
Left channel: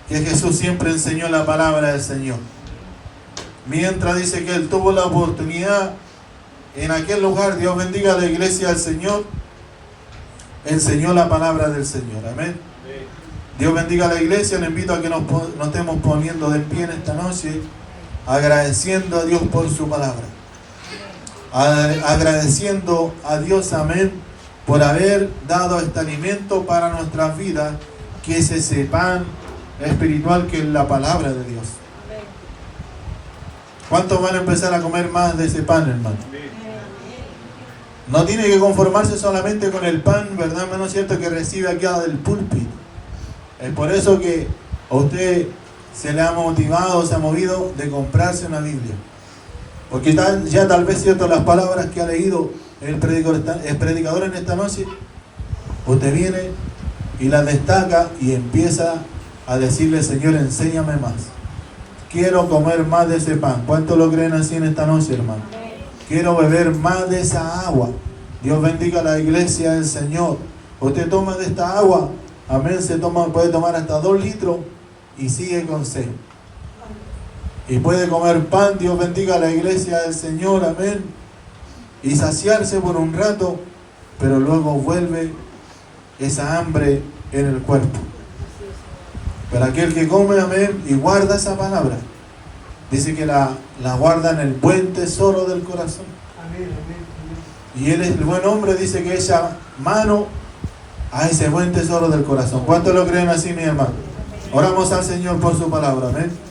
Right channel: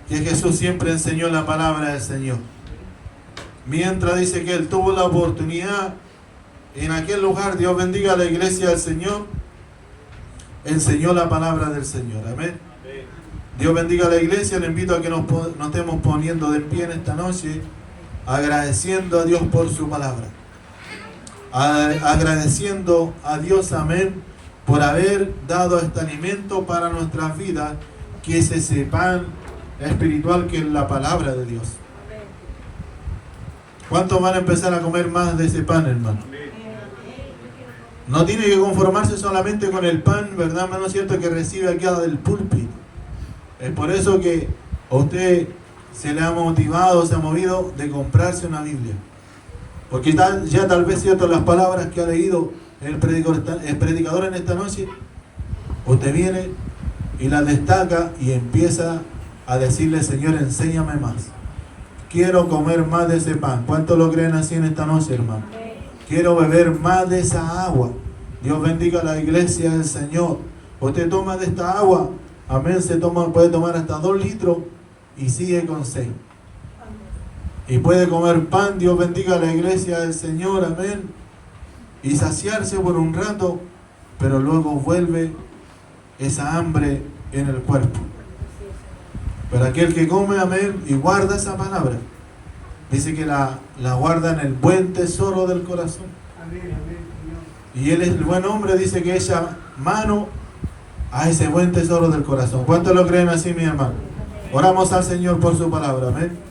que Jesús siempre enseñó la palabra del Señor. Mientras dice que él tuvo la oportunidad en aquel lugar, Dios bendiga a la iglesia del Señor, enseñó la palabra del Señor. Amén. Dios bendiga a la iglesia. Le invito a que nos estemos poniendo de pie en esta noche, agradeciendo a Dios por su palabra. Agradeciendo a Dios, amén, por haber dado este alimento para nuestras vidas, que es ese pan espiritual que es la palabra de Dios. ¿Cuántos van a empezar a comer más de ese pan, hermano? No tiene que conformarse solamente con el pan, ¿verdad, hermano? ¿Cierto? Que recibe aquí del púlpito. Es por eso que a usted se le ha motivado, se ha movido de comprarse una Biblia. Porque ya tal vez, cierto, las palabras que ha leído el predicador en esta noche, usted viene y las destaca y empieza a decirle: Señor, enséñame más. Quiero comer más de ese pan. ¿Cuántos lo creen así en esta noche, hermano? Quiero beber más de esa agua. Dios bendiga a la iglesia del Señor. Usted toma de esta agua, amén, puede tomar hasta 2 litros y sigue con sed. Y puede comer pan, Dios bendiga a la iglesia del Señor, amén, y saciarse por un rato, pero luego vuelve esa hambre en el cuerpo. Pero aquel que come, amén, y guarda esa palabra, dice que la guarda en el buen tesoro del corazón. Y él es el buen hombre, dice que echa mano a ese buen tesoro del corazón. ¿Cuántos lo creen así, mi hermano? Oramos al Señor por su palabra, amén.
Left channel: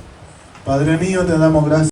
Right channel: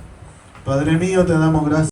Padre mío, te damos gracias.